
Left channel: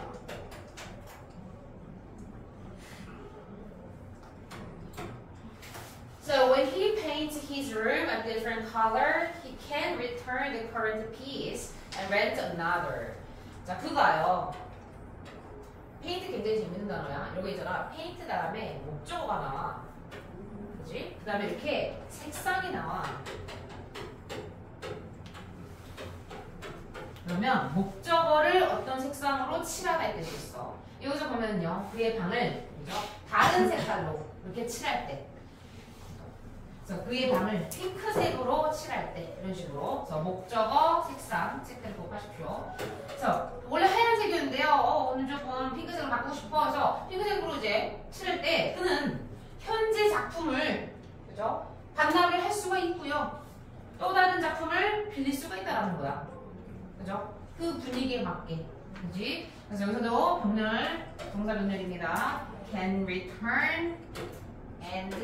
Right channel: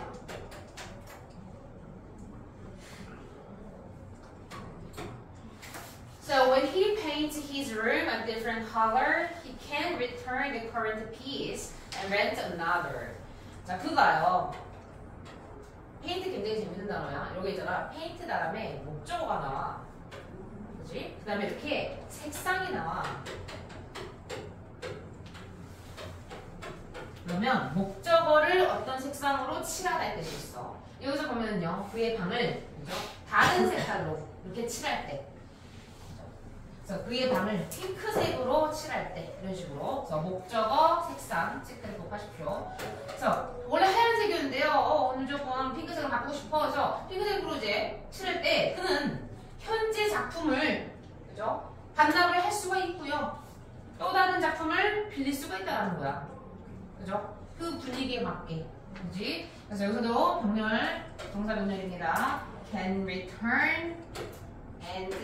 So when he paints his room a different color, he can return the current piece and rent another. 자, 그거요. 페인트 굉장히 재밌는 단어야. 여기 있잖아. 페인트 다음에 목적어가 나와. 그지? 그 다음에 이렇게 색상이 나와. 그러면 목적어를 어떤 색상으로 칠하할 뜻이 있어. 여기서 보면요. 그의 방을 그죠? 다른 색깔로 이렇게 칠할 때. 그래서 그의 방을 핑크색으로 칠할 때 이런 식으로. 그래서 목적어, 색상 체크를 꼭 하십시오. 그래서 원래 하얀색이었는데요. 오늘 조금 핑크색으로 바꾸고 싶어. 그래서 핑크색으로 이제 칠할 때 그는 현재 작품을 그죠? 반납을 할 수가 있고요. 또 다른 작품을 빌릴 수가 있다는 거야. 그죠? 그 분위기에 맞게. 그지? 그래서 여기서도 병렬, 동사 병렬입니다. Can return and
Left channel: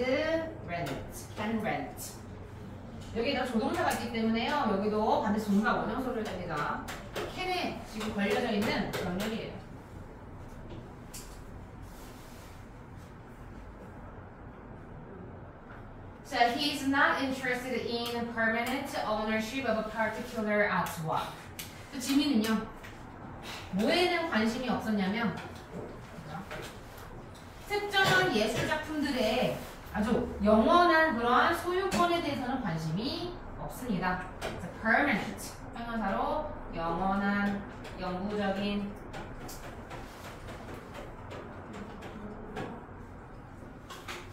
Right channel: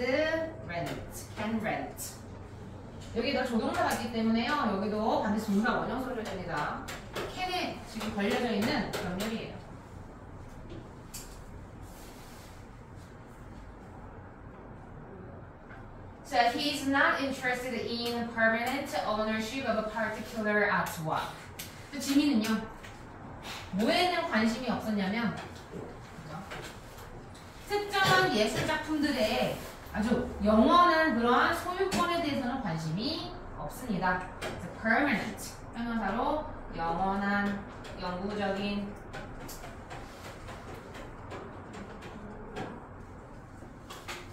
rent. Can rent. 여기다 조동사가 있기 때문에요. 여기도 반드시 동사 원형소를 됩니다. can에 지금 걸려져 있는 병렬이에요. So he's not interested in permanent ownership of a particular artwork. 또 지민은요. 뭐에는 관심이 없었냐면 특정한 예술 작품들의 아주 영원한 그러한 소유권에 대해서는 관심이 없습니다. 그래서 permanent 형용사로 영원한, 영구적인.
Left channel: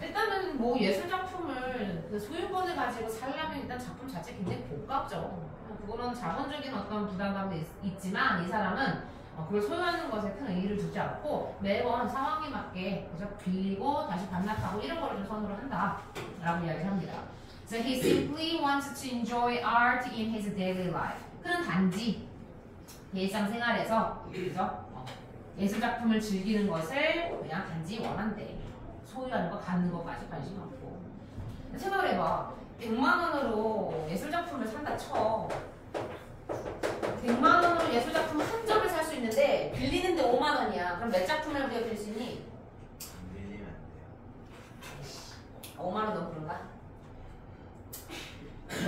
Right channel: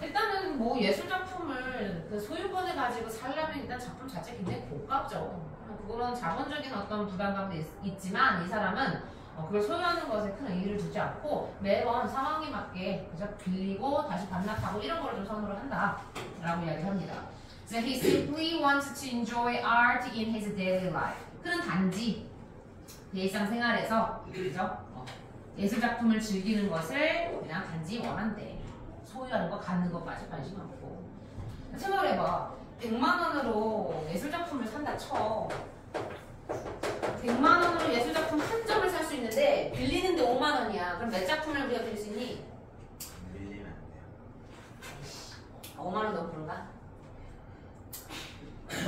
일단은 뭐 예술 작품을 그 소유권을 가지고 살려면 일단 작품 자체 굉장히 고가죠. 그거는 자본적인 어떤 부담감도 있지만 이 사람은 그걸 소유하는 것에 큰 의의를 두지 않고 매번 상황에 맞게 그저 빌리고 다시 반납하고 이런 거를 좀 선호를 한다라고 이야기합니다. So he simply wants to enjoy art in his daily life. 그는 단지 일상생활에서 그죠? 예술 작품을 즐기는 것을 그냥 단지 원한대. 소유하는 거, 갖는 것까지 관심 없고. 생각을 해봐. 100만 원으로 예술 작품을 산다 쳐. 100만 원으로 예술 작품 한 점을 살 수 있는데 빌리는데 5만 원이야. 그럼 몇 작품을 우리가 빌릴 수 있니? 밀리면 안 돼요. 5만 원 너무 그런가?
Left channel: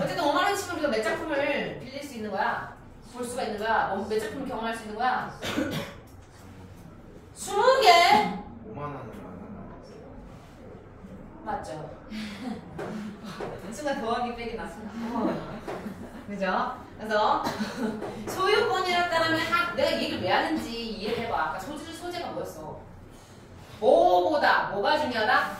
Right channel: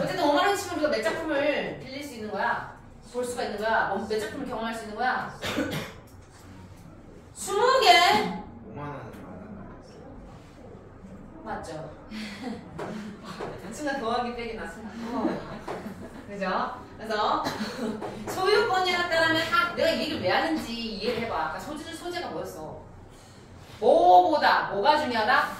어쨌든 5만 원 치면 우리가 몇 작품을 빌릴 수 있는 거야? 볼 수가 있는 거야? 몇 작품을 경험할 수 있는 거야? 20개! 5만 원으로 안 한다. 맞죠? 순간 더하기 빼기 났으나. 그죠? 그래서 소유권이라 따르면 내가 이 얘기를 왜 하는지 이해를 해봐. 아까 소재가 뭐였어? 뭐보다 뭐가 중요하다?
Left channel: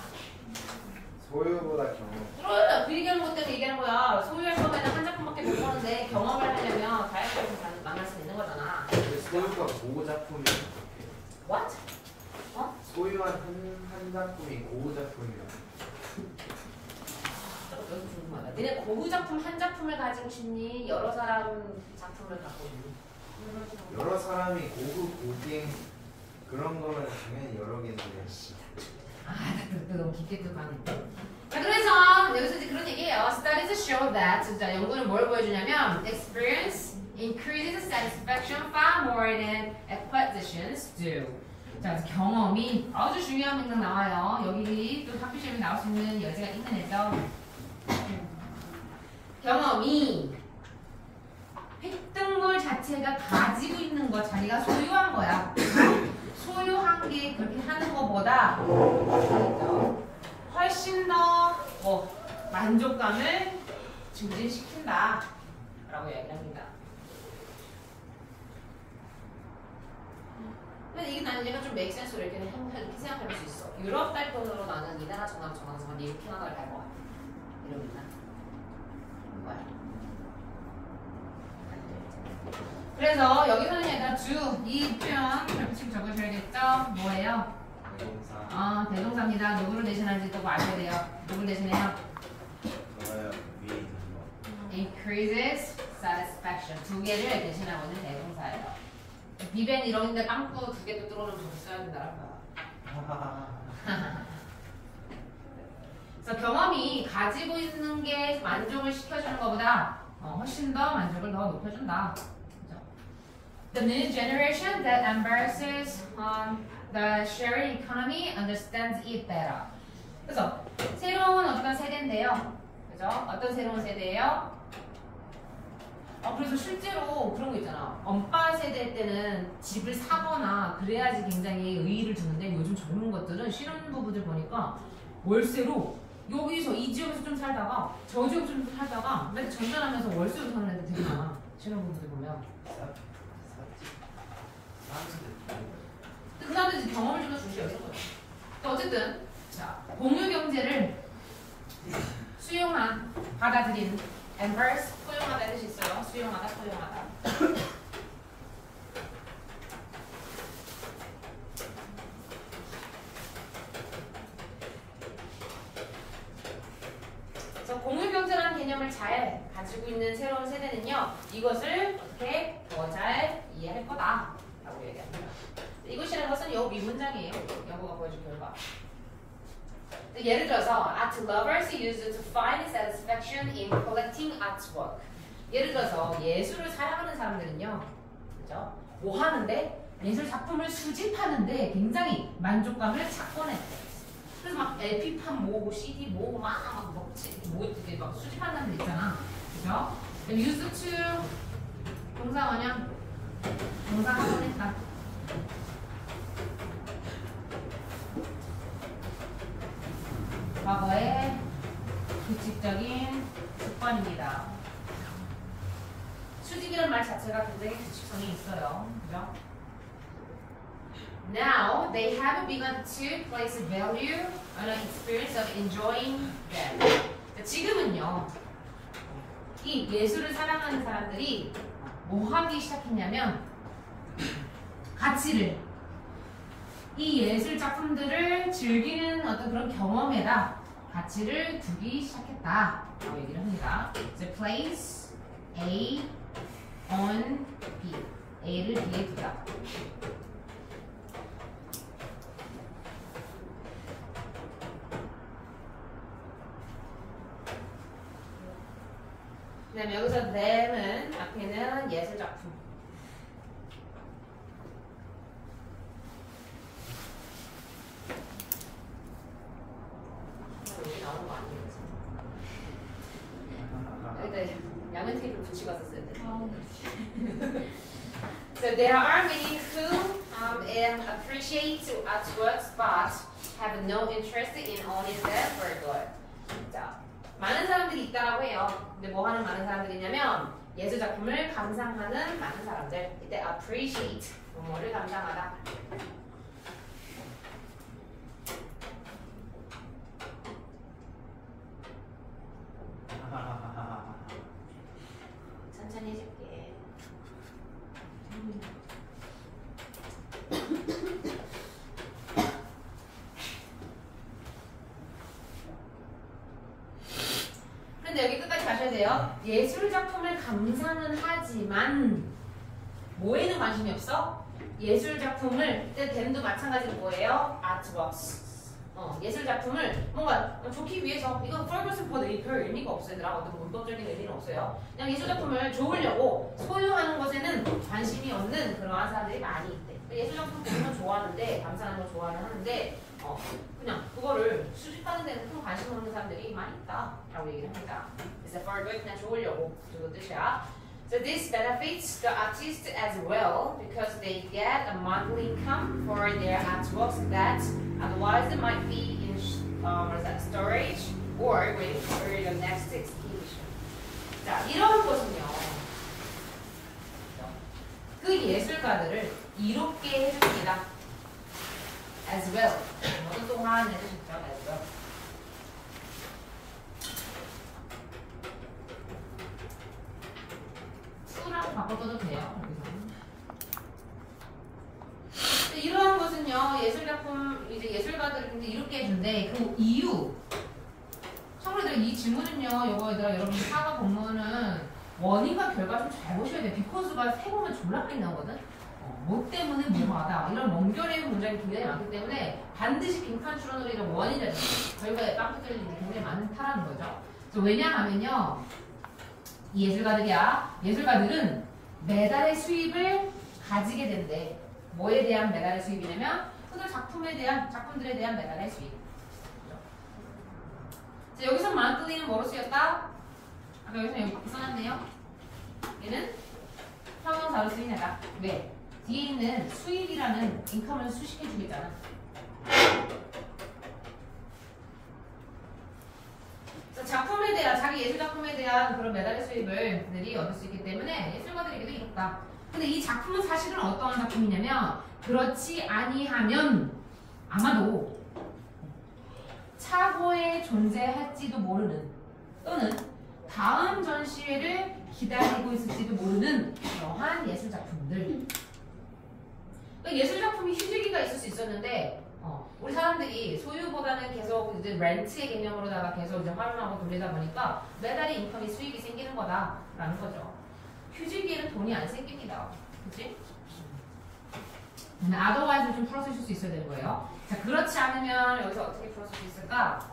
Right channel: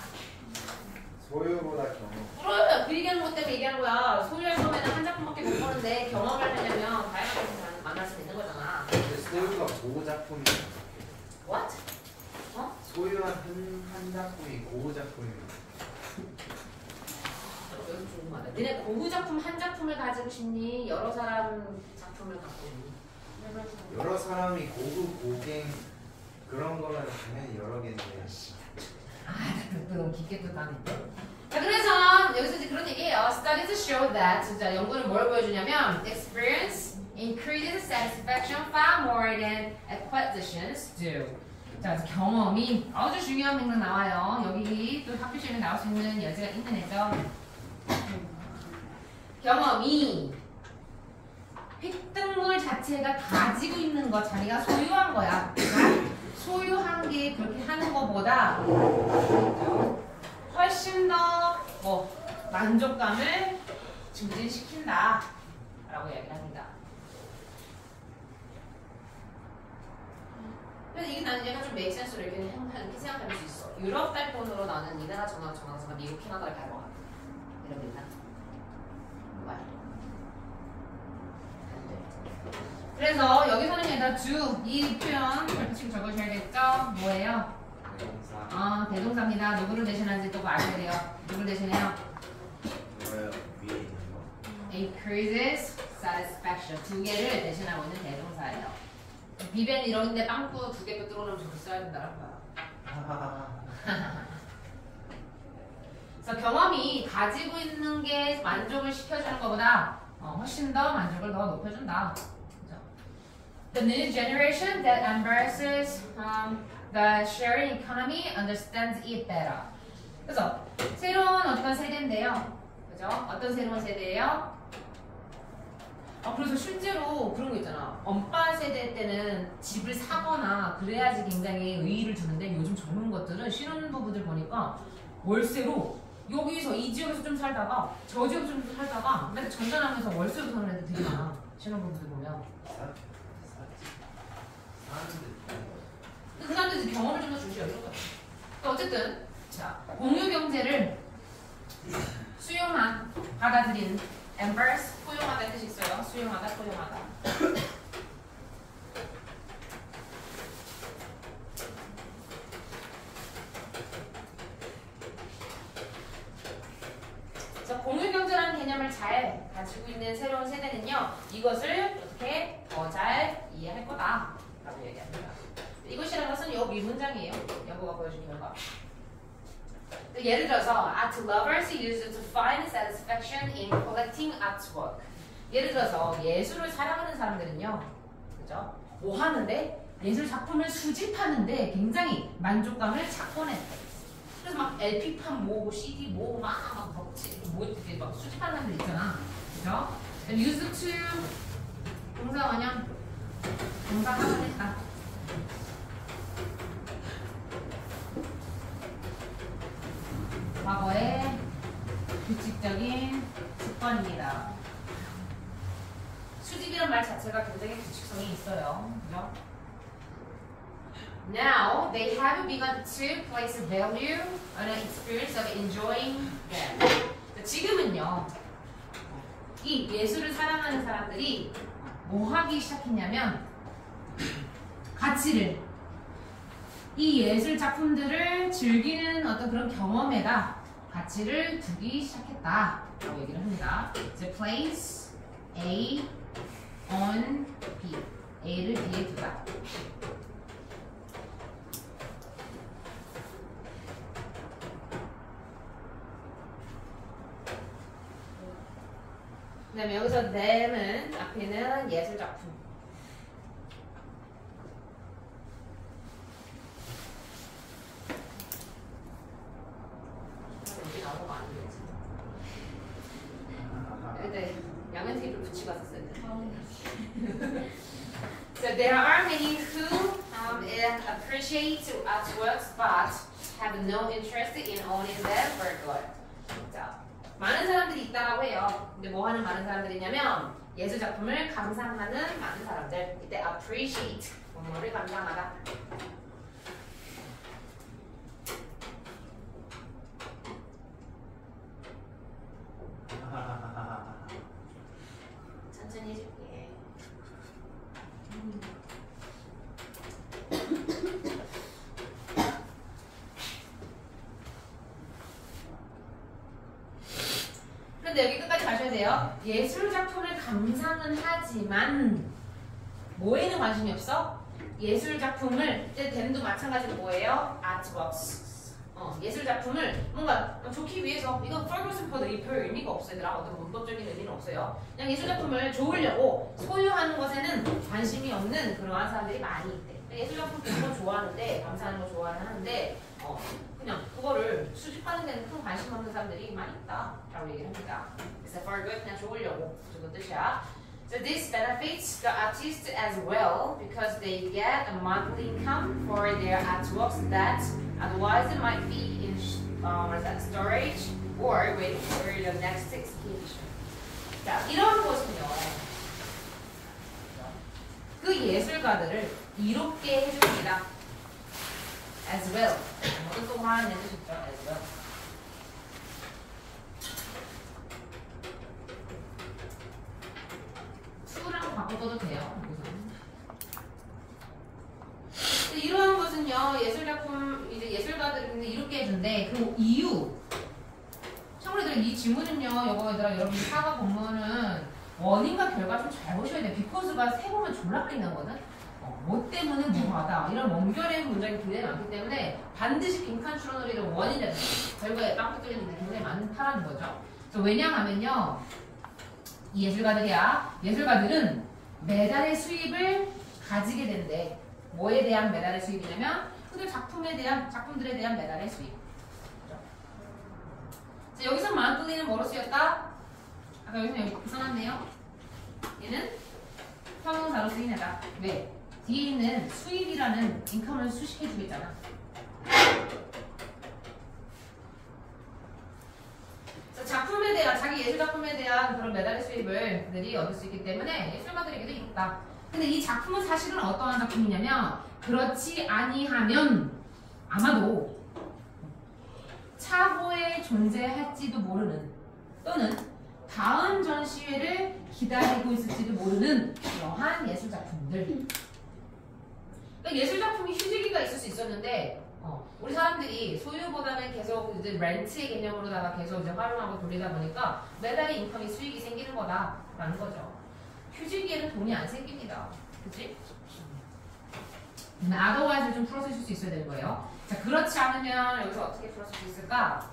소유보다 경험. 그래, 그 얘기하는 것 때문에 얘기하는 거야. 소유할 경우에는 한 작품밖에 못 보는데 경험을 하려면 다양한 것을 만날 수 있는 거잖아. 근데 소유가 고작품이면 어떡해? What? 소유한 한 작품이 고작품이면 여기 좋은 말이야. 너네 고흐 작품 한 작품을 가지고 싶니? 여러 사람 작품을 갖고 있니? 여러 사람이 고급 고갱 그런 거면 당연히 여러 개인데. 너무 깊게 들어가네. 자, 그래서 여기서 이제 그런 얘기예요. Studies show that. 자, 연구는 뭘 보여주냐면 experience increases satisfaction far more than acquisitions do. 자, 그래서 경험이 아주 중요한 맥락 나와요. 여기 또 학교 시험에 나올 수 있는 여지가 있는 애죠. 경험이 획득물 자체가 가지고 있는 것, 자기가 소유한 거야. 소유한 게 그렇게 하는 것보다 훨씬 더 만족감을 증진시킨다 라고 얘기를 합니다. 근데 이게 나는 얘가 좀 make sense로 이렇게 생각할 수 있어. 유럽 달돈으로 나는 이 나라 정말 미국 캐나다를 갈 것 같아. 이럽니다. 뭐야? 그래서 여기서는 얘가 do 이 표현 별표치고 적으셔야겠죠? 뭐예요? 대동사. 대동사입니다. 누구를 대신하는지 또 아셔야 돼요. 누구를 대신해요? 좋아요. 위에 있는 거. increases satisfaction 두 개를 대신하고 있는 대동사예요. 비벤 이런데 빵꾸 두 개 또 들어오면 저기 써야 된다는 거야. 그래서 경험이 가지고 있는 게 만족을 시켜주는 것보다 훨씬 더 만족을 더 높여준다. 그죠? The new generation that embraces the sharing economy understands it better. 그래서 새로운 어떤 세대인데요. 그죠? 어떤 새로운 세대예요? 그래서 실제로 그런 거 있잖아. 엄빠 세대 때는 집을 사거나 그래야지 굉장히 의의를 두는데 요즘 젊은 것들은 신혼부부들 보니까 월세로 여기서 이 지역에서 좀 살다가 저 지역에서 좀 살다가 맨날 전전하면서 월세로 사는 애들 되게 많아. 신혼부부들 보면. 그 사람들이 경험을 좀 더 중시하는 거야. 어쨌든 자 공유 경제를 수용한 받아들인 embrace 포용하다는 뜻이 있어요. 수용하다, 포용하다. 그래서 공유경제라는 개념을 잘 가지고 있는 새로운 세대는요, 이것을 어떻게 더 잘 이해할 거다라고 얘기합니다. 이것이라는 것은 요 미문장이에요. 연구가 보여준 결과. 예를 들어서 art lovers use it to find satisfaction in collecting artwork. 예를 들어서 예술을 사랑하는 사람들은요, 그죠? 뭐 하는데 예술 작품을 수집하는데 굉장히 만족감을 찾곤 했대. 그래서 막 LP판 모으고 CD 모으고 막 수집하는 사람들 있잖아, 그죠? Use to 동사 원형 동사 하고있다. 과거의 규칙적인 습관입니다. 수집이란 말 자체가 굉장히 규칙성이 있어요. 그죠? Now they have begun to place value on an experience of enjoying them. 지금은요, 이 예술을 사랑하는 사람들이 뭐 하기 시작했냐면 가치를 이 예술 작품들을 즐기는 어떤 그런 경험에다 가치를 두기 시작했다 라고 얘기를 합니다. So place A on B. A를 B에 두다. 그 다음에 여기서 them은 앞에는 예술 작품. 여기 나오는 거 아니에요? 여기다 양면 테이프를 붙이고 왔었어야 돼. So there are many who appreciate artworks but have no interest in owning them for good. 자, 많은 사람들이 있다라고 해요. 근데 뭐 하는 많은 사람들이냐면 예술 작품을 감상하는 많은 사람들. 이때 appreciate 뭐를 감상하다. 천천히 해줄게. 근데 여기 끝까지 가셔야 하셔야 돼요. 예술 작품을 감상은 하지만 뭐에는 관심이 없어? 예술 작품을 댐도 마찬가지로 뭐예요? 아트웍스. 예술 작품을 뭔가 좋기 위해서 이건 퍼거슨 퍼들이 별 의미가 없어요. 얘들아. 어떤 문법적인 의미는 없어요. 그냥 예술 작품을 좋으려고 소유하는 것에는 관심이 없는 그러한 사람들이 많이 있대. 예술 작품 보는 거 좋아하는데 감상하는 거 좋아하는데 그냥 그거를 수집하는 데는 큰 관심 없는 사람들이 많이 있다라고 얘기를 합니다. 그래서 for good 그냥 좋으려고 그 정도 뜻이야. So this benefits the artist as well because they get a monthly income for their artworks that otherwise might be in storage or waiting for the next exhibition. 자, 이런 것은요. 그 예술가들을 이롭게 해줍니다. As well. 모두 동안 해주셨죠. As well. 수랑 바꿔줘도 돼요. 이러한 것은요, 예술작품, 이제 예술가들을 이롭게 해준대. 그 이유. 참고로 이 지문은요, 여러분 사과 본문은 원인과 결과 좀 잘 보셔야 돼요. because가 세 보면 졸라 많이 나오거든. 뭐 때문에 뭐하다. 이런 원결의 문장이 굉장히 많기 때문에 반드시 빈칸 추론으로 이런 원인을 결과에 빵꾸 뚫리는 게 굉장히 많다라는 거죠. 그래서 왜냐하면요, 이 예술가들은 매달의 수입을 가지게 된대. 뭐에 대한 매달의 수입이냐면 그들 작품들에 대한 매달의 수입. 자, 여기서 monthly는 뭐로 쓰였다? 아까 여기서 여기 써놨네요. 얘는 형용사로 쓰이냐다. 왜? 뒤에 있는 수입이라는 인컴을 수식해주겠잖아. 작품에 대한, 자기 예술 작품에 대한 그런 매달의 수입을 그들이 얻을 수 있기 때문에 예술가들에게도 이롭다. 근데 이 작품은 사실은 어떠한 작품이냐면 그렇지 아니하면 아마도 차고에 존재할지도 모르는 또는 다음 전시회를 기다리고 있을지도 모르는 그러한 예술 작품들. 그러니까 예술 작품이 휴지기가 있을 수 있었는데 우리 사람들이 소유보다는 계속 이제 렌트의 개념으로다가 계속 이제 활용하고 돌리다 보니까 매달의 인컴이 수익이 생기는 거다라는 거죠. 휴지기에는 돈이 안 생깁니다. 그치? otherwise를 좀 풀어 쓰실 수 있어야 되는 거예요. 자, 그렇지 않으면 여기서 어떻게 풀어 쓸 수 있을까?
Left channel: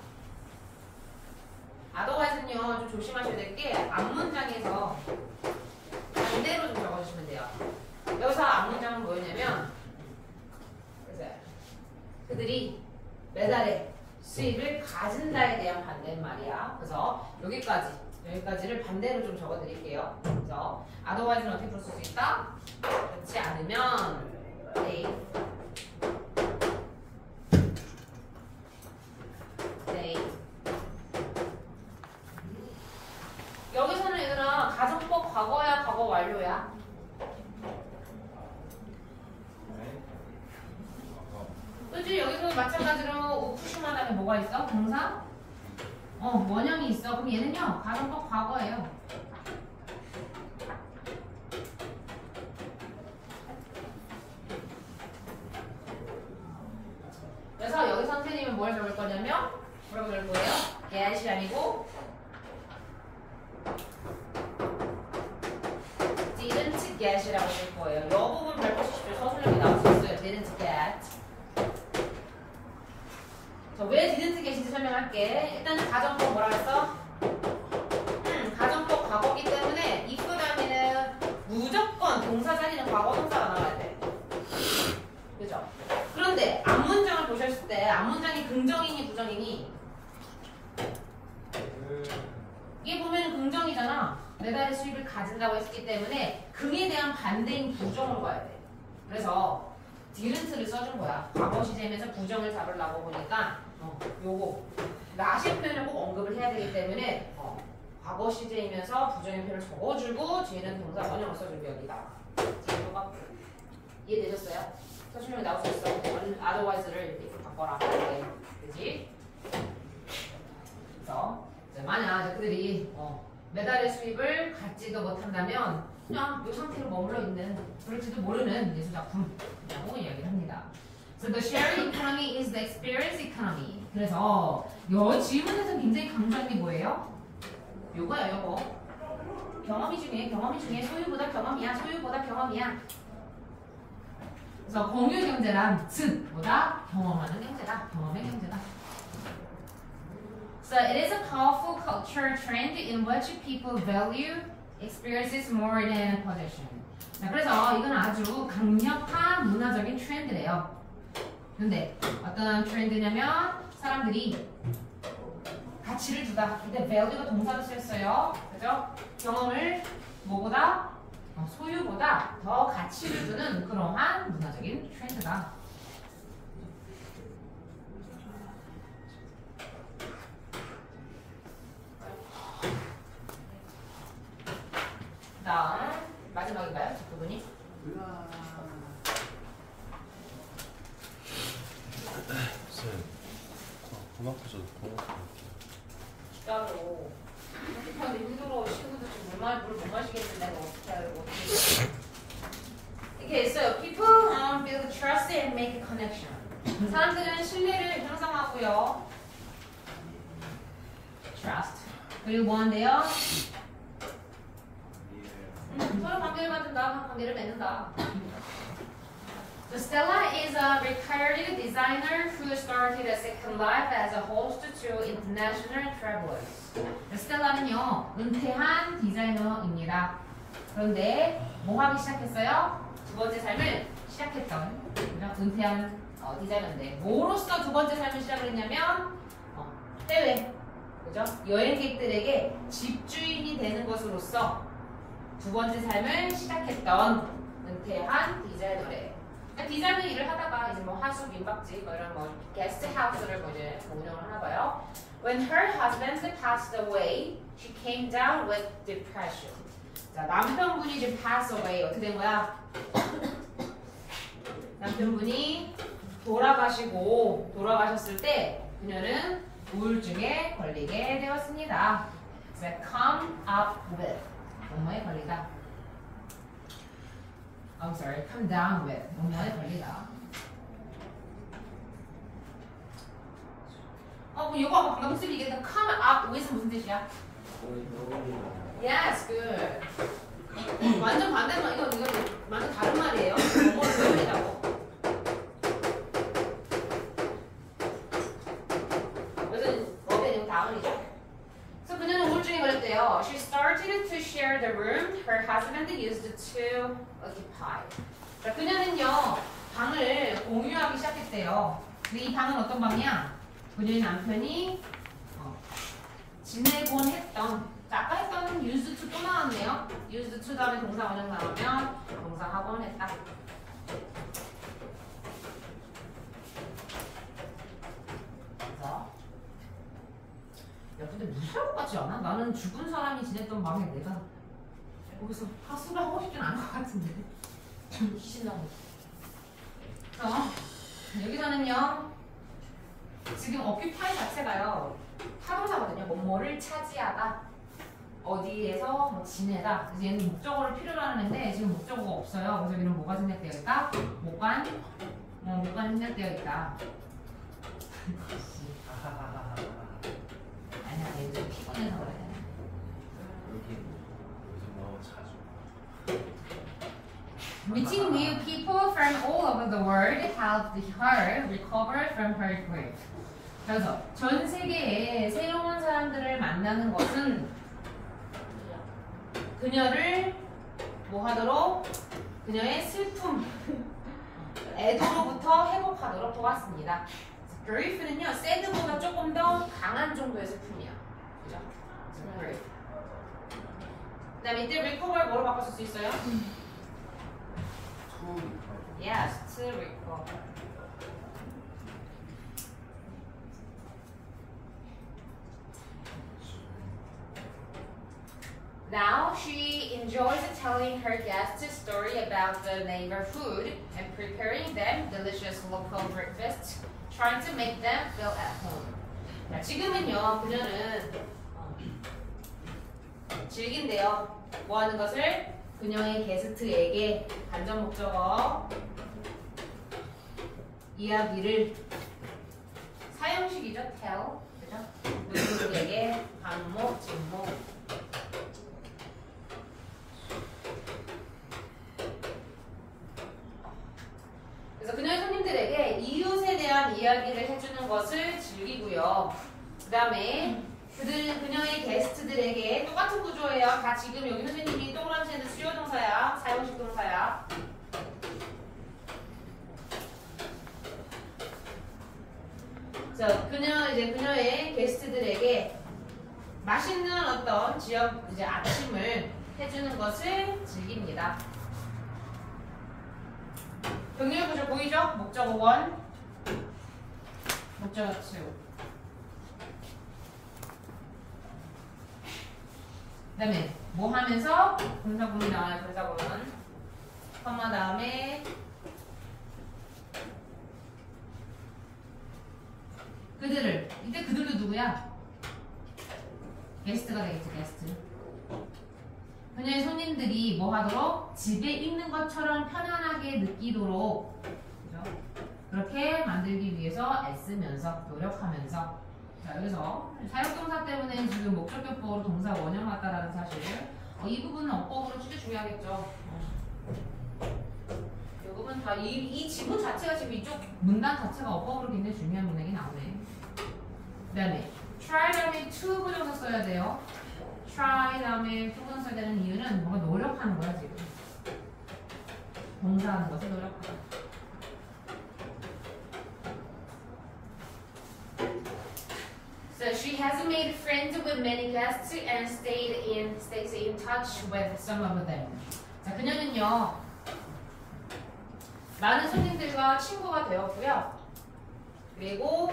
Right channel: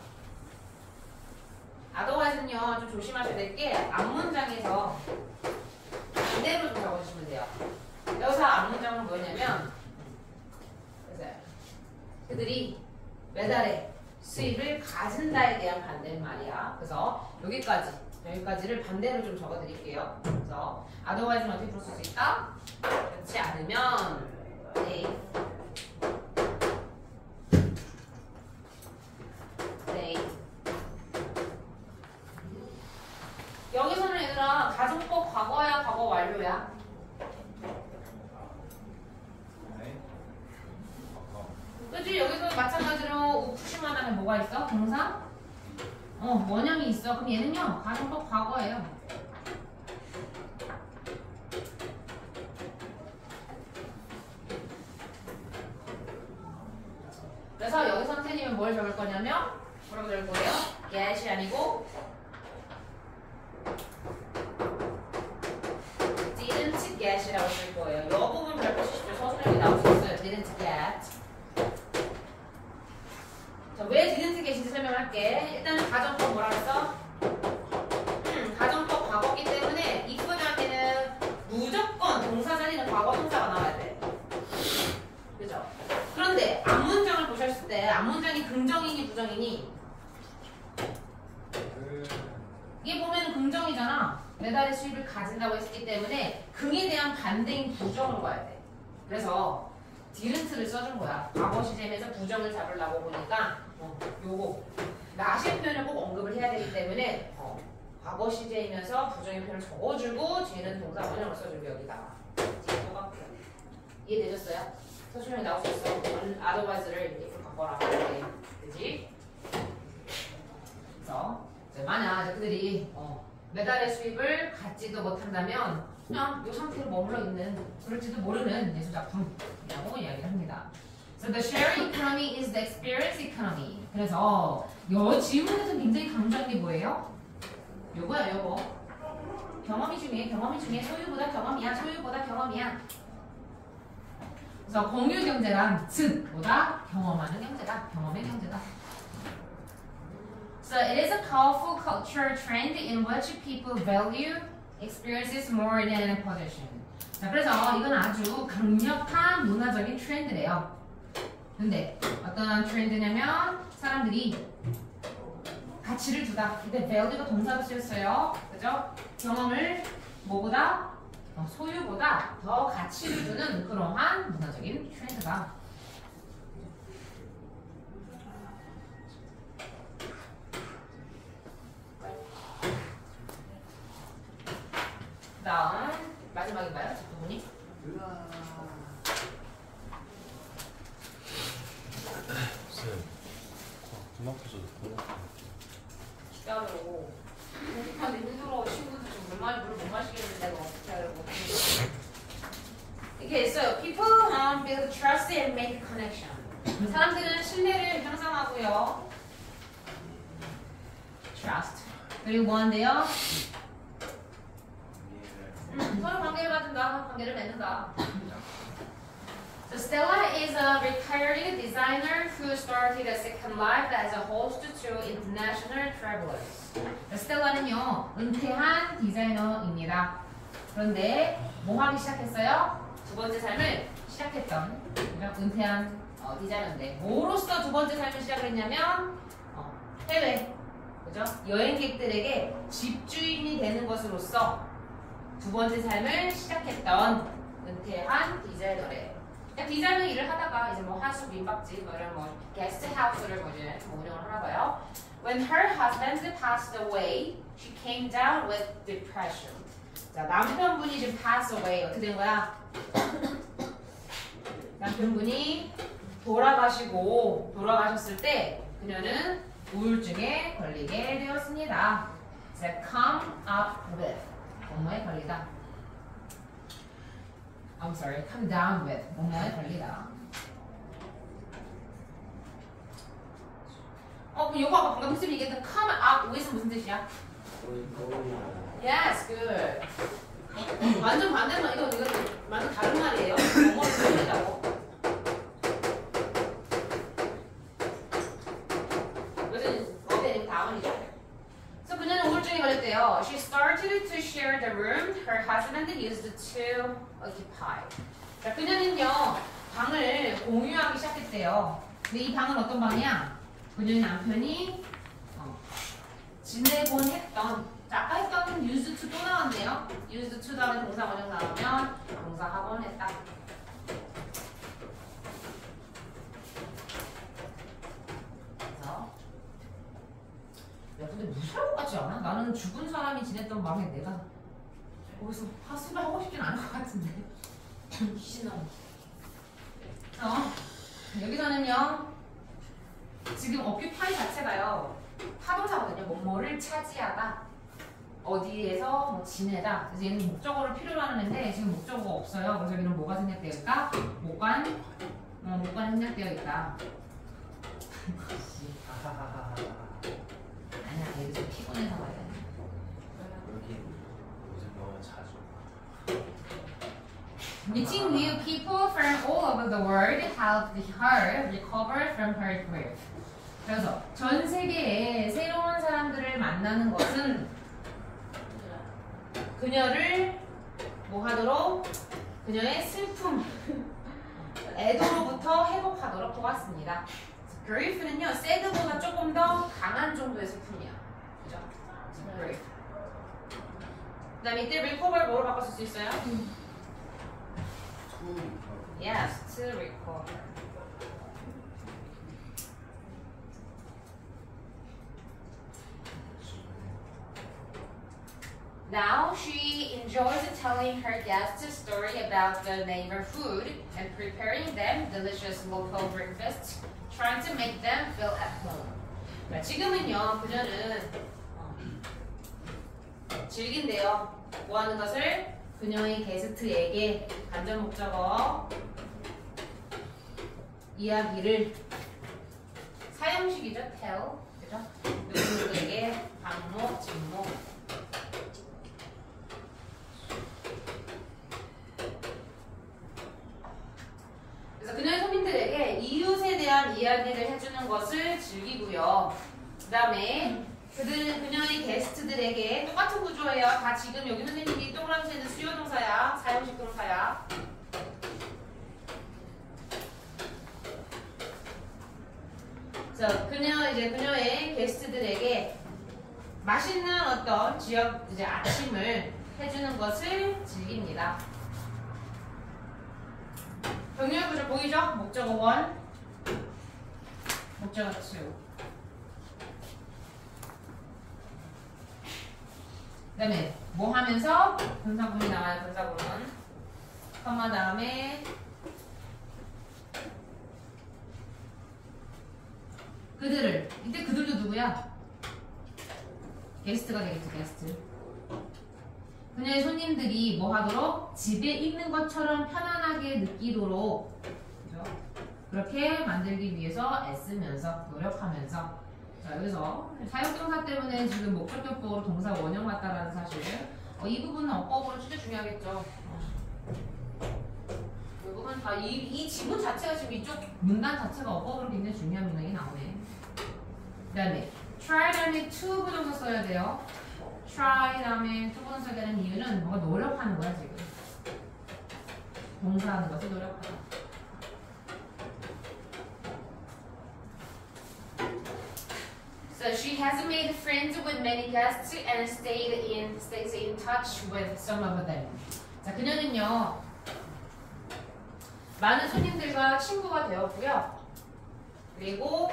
otherwise는요, 좀 조심하셔야 될 게 앞문장에서 반대로 좀 적어주시면 돼요. 여기서 앞문장은 뭐냐면 그들이 매달의 수입을 가진다에 대한 반대말이야. 그래서 여기까지를 반대로 좀 적어드릴게요. 그래서 otherwise는 어떻게 풀 수 있다? 그렇지 않으면 네. 여기서는 얘들아 가정법 과거야 과거 완료야? 그치? 여기서 마찬가지로 푸시만 하면 뭐가 있어? 동사? 원형이 있어. 그럼 얘는요 가정법 과거예요. 그래서 여기 선생님은 뭘 적을 거냐면 뭐라고 적을 거예요? get이 아니고 didn't get이라고 쓸 거예요. 이 부분 잘 보시죠. 서술형이 나올 수 있어요. didn't get. 자, 왜 didn't get인지 설명할게. 일단 가정법 뭐라 그랬어? 가정법 과거기 때문에 if 다음에는 무조건 동사 자리는 과거 동사가 나와야 돼. 그죠? 그런데 앞문장을 보셨을 때 앞문장이 긍정이니 부정이니? 이게 보면 긍정이잖아. 매달의 수입을 가진다고 했기 때문에 긍에 대한 반대인 부정으로 가야 돼. 그래서 didn't를 써준 거야. 과거 시제면서 부정을 잡으려고 보니까 요거 not의 표현을 꼭 언급을 해야 되기 때문에 과거 시제이면서 부정의 표현을 적어주고 뒤에는 동사 원형을 써주고 여기다가 뒤에 똑같고 이해되셨어요? 서술형이 나올 수 있어. otherwise를 이렇게 바꿔라. 네. 그지? 그래서 만약 그들이 매달의 수입을 갖지도 못한다면 그냥 이 상태로 머물러 있는 그럴지도 모르는 예술작품이라고 이야기를 합니다. So the sharing economy is the experience economy. 그래서 이 지문에서 굉장히 강조한 게 뭐예요? 요거야 요거. 경험이 중요해. 소유보다 경험이야. 그래서 공유 경제란 즉보다 경험하는 경제다. 경험의 경제다. So it is a powerful cultural trend in which people value experiences more than possession. 자, 그래서 이건 아주 강력한 문화적인 트렌드래요. 근데 어떤 트렌드냐면 사람들이 가치를 두다. 이때 value가 동사로 쓰였어요. 그죠? 경험을 뭐보다 소유보다 더 가치를 두는 그러한 문화적인 트렌드다. 다음 마지막인가요? 뒷부분이? 쌤, 돈 아파서 돈 아파. 진짜로 편집하기 힘들어. 친구들 물못 마시겠는데 내가 어떻게 알고. 이렇게 있어요. People build trust and make connection. 사람들은 신뢰를 형성하고요. Trust. 그리고 뭐 한대요? 서로 관계를 만든다. 관계를 맺는다. So Stella is a retired designer who started a second life as a host to international travelers. 스텔라는요, 은퇴한 디자이너입니다. 그런데 뭐 하기 시작했어요? 두 번째 삶을 시작했던 은퇴한 디자이너인데 뭐로써 두 번째 삶을 시작을 했냐면 해외, 그죠? 여행객들에게 집주인이 되는 것으로서 두 번째 삶을 시작했던 은퇴한 디자이너래. 디자이너 일을 하다가 이제 뭐 하수 민박집 이런 뭐 게스트 하우스를 뭐 이제 운영을 하나 봐요. When her husband passed away, she came down with depression. 자, 남편분이 이제 pass away 어떻게 된 거야? 남편분이 돌아가셨을 때 그녀는 우울증에 걸리게 되었습니다. 그래서 come up with 뭐뭐에 걸리다. I'm sorry, come down with 뭐뭐에 걸리다. 그럼 요거 아까 방금 무슨 얘기했던 come up with 무슨 뜻이야? Yes, good. 완전 반대만 이거 완전 다른 말이에요. 뭐뭐를 걸리다고. 요즘 어제 다음이죠. 그래서 그녀는 우울증에 걸렸대요. She started to share the room her husband used to occupy. 자, 그녀는요 방을 공유하기 시작했대요. 근데 이 방은 어떤 방이야? 그녀의 남편이 지내곤 했던, 아까 했던 used to 또 나왔네요. used to 다음에 동사 원형사하면 동사하곤 했다. 그래서 야, 근데 무서울 것 같지 않아? 나는 죽은 사람이 지냈던 방에 내가 거기서 하수를 하고 싶진 않을 것 같은데. 신나고. 여기서는요. 지금 occupy 자체가요. 타동사거든요. 뭐뭐를 차지하다. 어디에서 뭐 지내다. 그래서 얘는 목적어를 필요로 하는데 지금 목적어가 없어요. 그래서 여기는 뭐가 생략되어 있다? 목관 생략되어 있다. 아니야, 얘도 좀 피곤해서 그래. 여기 요즘 너무 자주. Meeting new people from all over the world helped her recover from her grief. 그래서 전 세계에 새로운 사람들을 만나는 것은 그녀를 뭐 하도록? 그녀의 슬픔, 애도로부터 회복하도록 도왔습니다. grief는요, sad보다 조금 더 강한 정도의 슬픔이야. 그죠? grief. 그 다음에 이때 recover 뭐로 바꿔 쓸 수 있어요? Yes, to recover. Now she enjoys telling her guests a story about the neighborhood and preparing them delicious local breakfasts, trying to make them feel at home. 자, 지금은요, 그녀는 즐긴대요. 뭐 하는 것을? 그녀의 게스트에게 간접 목적어 이야기를 사형식이죠, tell. 그죠? 누구에게 반목, 진목 이야기를 해주는 것을 즐기고요. 그 다음에 그녀의 게스트들에게 똑같은 구조예요. 다 지금 여기 선생님이 동그라미 쓰는 수요 동사야. 사용식 동사야. 그래서 그녀의 게스트들에게 맛있는 어떤 지역 이제 아침을 해주는 것을 즐깁니다. 병렬 구조 보이죠? 목적어 1, 목적어 2. 그 다음에 뭐 하면서 분사구문이 나와요. 분사구문 컴마 다음에 그들을 이때 그들도 누구야? 게스트가 되겠죠. 게스트. 그녀의 손님들이 뭐 하도록 집에 있는 것처럼 편안하게 느끼도록 그죠? 그렇게 만들기 위해서 애쓰면서 노력하면서 자 여기서 사역동사 때문에 지금 목적격보로 동사 원형 같다라는 사실 이 부분은 어법으로 진짜 중요하겠죠. 이 부분 다 이 지문 자체가 지금 이쪽 문단 자체가 어법으로 굉장히 중요한 문장이 나오네. 그 다음에 try 다음에 to 부정사 써야 돼요. try 다음에 to 부정사 써야 되는 이유는 뭔가 노력하는 거야 지금. 동사하는 것을 노력하다. So she has made friends with many guests and stays in touch with some of them. 자 그녀는요 많은 손님들과 친구가 되었고요. 그리고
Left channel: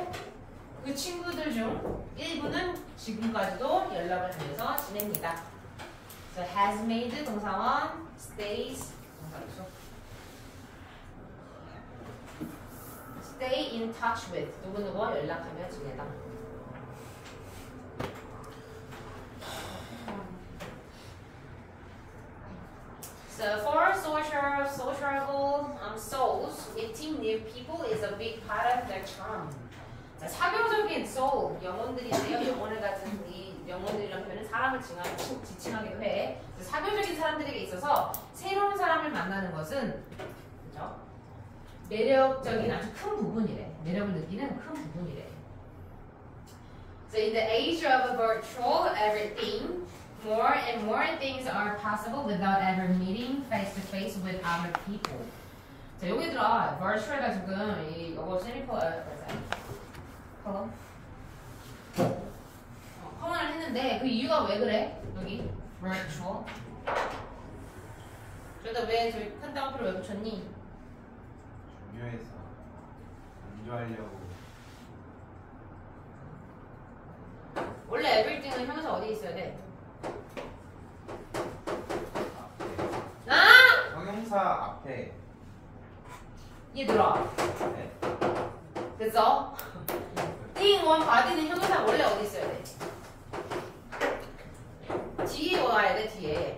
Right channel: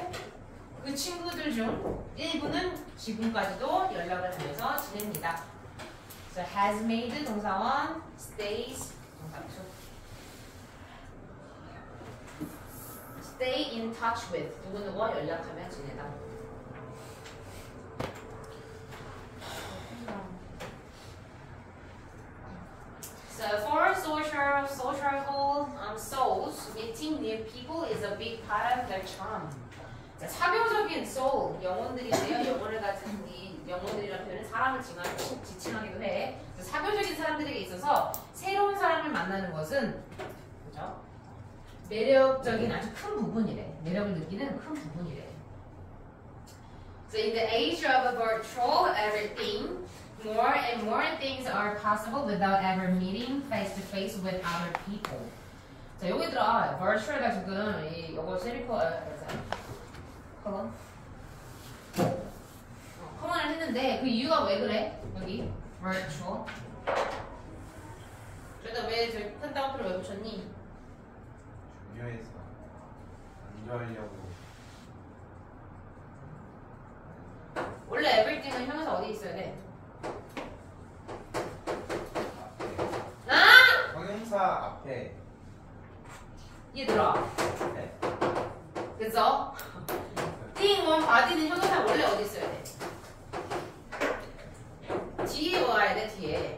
그 친구들 중 일부는 지금까지도 연락을 하면서 지냅니다. So has made 동사원, stays 동사2. Stay in touch with 누구누구와 연락하며 지내다. So for sociable souls, meeting new people is a big part of their charm. 자, 사교적인 soul, 영혼들인데요. 영혼을 가진 이 영혼들이라는 표현은 사람을 지칭하기도 해. 사교적인 사람들에게 있어서 새로운 사람을 만나는 것은 그죠? 매력적인 아주 큰 부분이래. 매력을 느끼는 큰 부분이래. So in the age of virtual everything, more and more things are possible without ever meeting face to face with other people. 자, 여기들아 virtual가 지금 이거 커먼을 했는데 그 이유가 왜 그래? 여기 virtual. 그러다 왜 저기 큰 따옴표를 왜 붙였니? 중요해서 강조하려고. 원래 everything은 형용사 어디 있어야 돼? 아! 형용사 앞에. 얘들아. 네? 그래서 thing, one, body는 형용사 원래 어디 있어야 돼? 뒤에 와야 돼. 뒤에.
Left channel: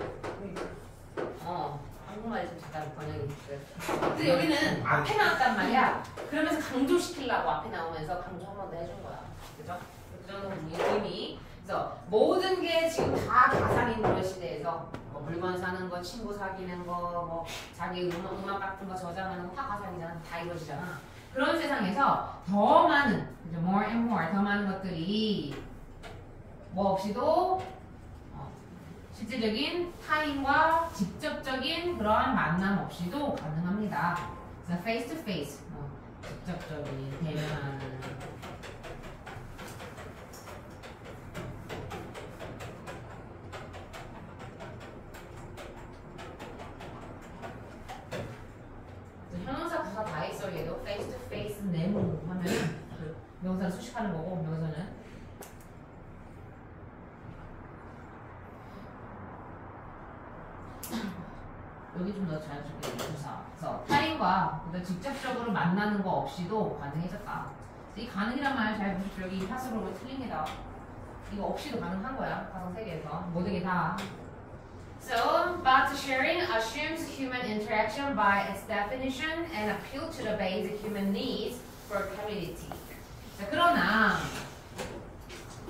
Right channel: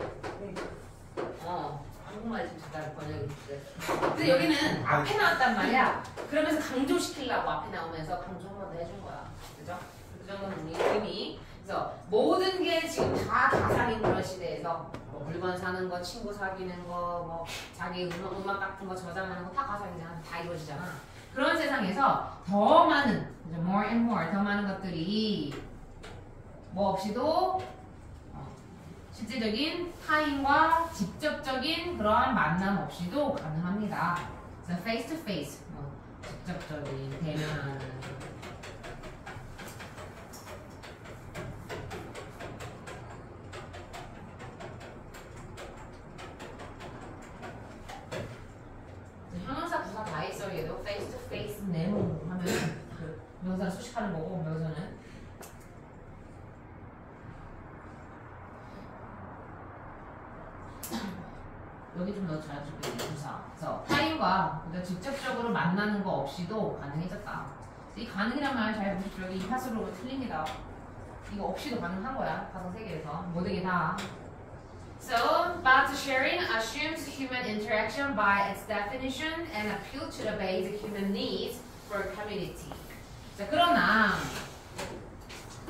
한국말이 좀 잠깐 번역이 됐어요. 근데 여기는 앞에 나왔단 말이야. 그러면서 강조시키려고 앞에 나오면서 강조 한 번 더 해준 거야. 그죠? 그 정도는 의미. 그래서 모든 게 지금 다 가상인 그런 시대에서 뭐 물건 사는 거, 친구 사귀는 거, 뭐 자기 음악 같은 거 저장하는 거 다 가상이잖아. 다 이루어지잖아. 그런 세상에서 더 많은, more and more, 더 많은 것들이 뭐 없이도 실제적인 타인과 직접적인 그러한 만남 없이도 가능합니다. 그래서 face to face, 직접적인 대면하는. 형용사 부사 다 있어. 얘도 face to face 네모 하면 그 명사를 수식하는 거고 명사는. 여기 좀 더 자연스럽게 부사. 그래서 타인과 직접적으로 만나는 거 없이도 가능해졌다. 이 가능이란 말 잘 보십시오. 여기 이 파스로 틀립니다. 이거 없이도 가능한 거야. 가상 세계에서 모든 게 다. So, but sharing assumes human interaction by its definition and appeal to the basic human needs for community. 자, 그러나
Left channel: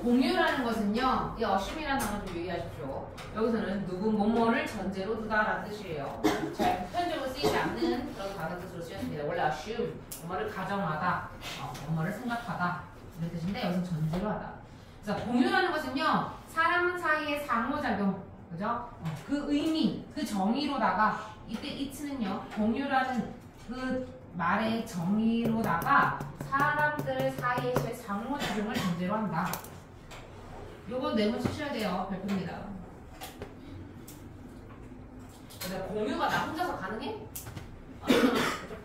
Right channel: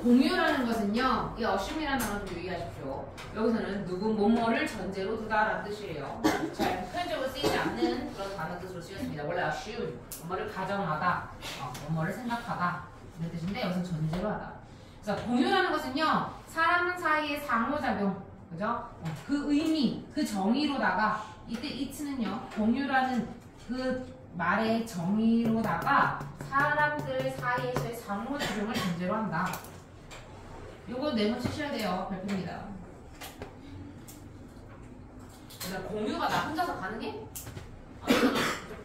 공유라는 것은요, 이 어심이라는 단어 좀 유의하십시오. 여기서는 누구 뭐뭐를 전제로 두다라는 뜻이에요. 잘 표현적으로 쓰이지 않는 그런 단어 뜻으로 쓰였습니다. 원래 assume 뭐뭐를 가정하다, 뭐뭐를 생각하다 이런 뜻인데 여기서 전제로 하다. 그래서 공유라는 것은요, 사람 사이의 상호작용, 그죠? 그 의미, 그 정의로다가 이때 it는요, 공유라는 그 말의 정의로다가 사람들 사이에서의 상호작용을 전제로 한다. 요거 네모 치셔야 돼요. 발표입니다. 그래서 공유가 나 혼자서 가능해?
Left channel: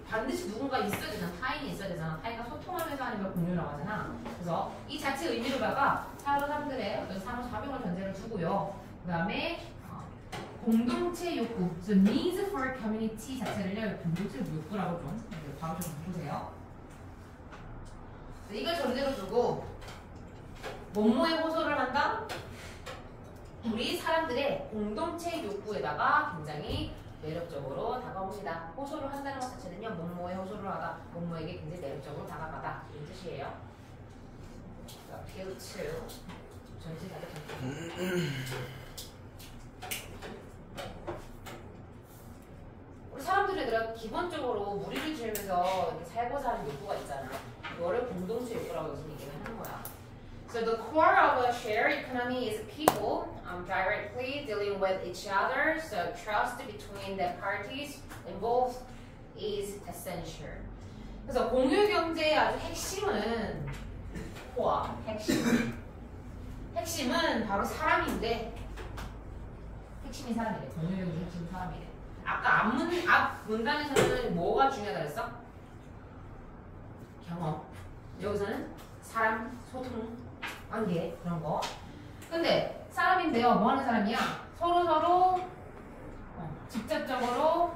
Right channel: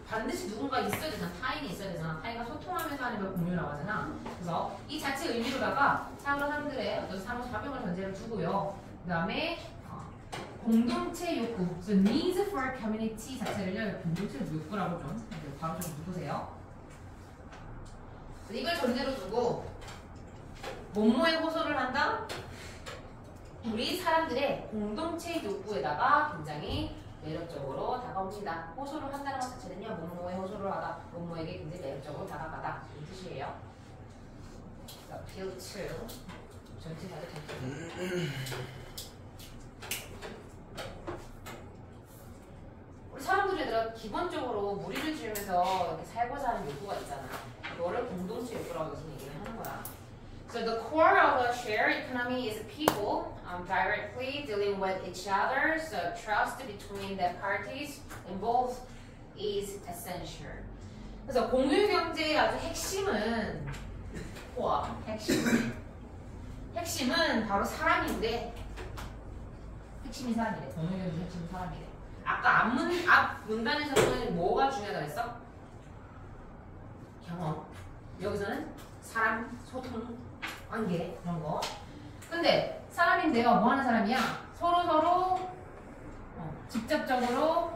반드시 누군가 있어야 되잖아. 타인이 있어야 되잖아. 타인과 소통하면서 하는 걸 공유라고 하잖아. 그래서 이 자체 의미로다가 사람들의 어떤 상호작용을 전제로 두고요. 그 다음에 공동체 욕구, so needs for community 자체를요, 공동체 욕구라고 좀 바로 좀 보세요. 이걸 전제로 두고 뭐뭐에 호소를 한다? 우리 사람들의 공동체 욕구에다가 굉장히 매력적으로 다가옵니다. 호소를 한다는 것 자체는요, 뭐뭐에 호소를 하다, 뭐뭐에게 굉장히 매력적으로 다가가다 이런 뜻이에요. appeal to 전체 다들 전체. 우리 사람들이 기본적으로 무리를 지으면서 이렇게 살고자 하는 욕구가 있잖아. 그거를 공동체 욕구라고 무슨 얘기를 하는 거야. So the core of a shared economy is people directly dealing with each other. So trust between the parties involved is essential. 그래서 공유 경제의 아주 핵심은 핵심은 바로 사람인데 핵심이 사람이래. 공유 경제 핵심이 사람이래. 아까 앞 문단에서는 뭐가 중요하다 그랬어? 경험. 여기서는 사람, 소통, 관계 그런 거. 근데 사람인데요, 뭐 하는 사람이야? 서로 직접적으로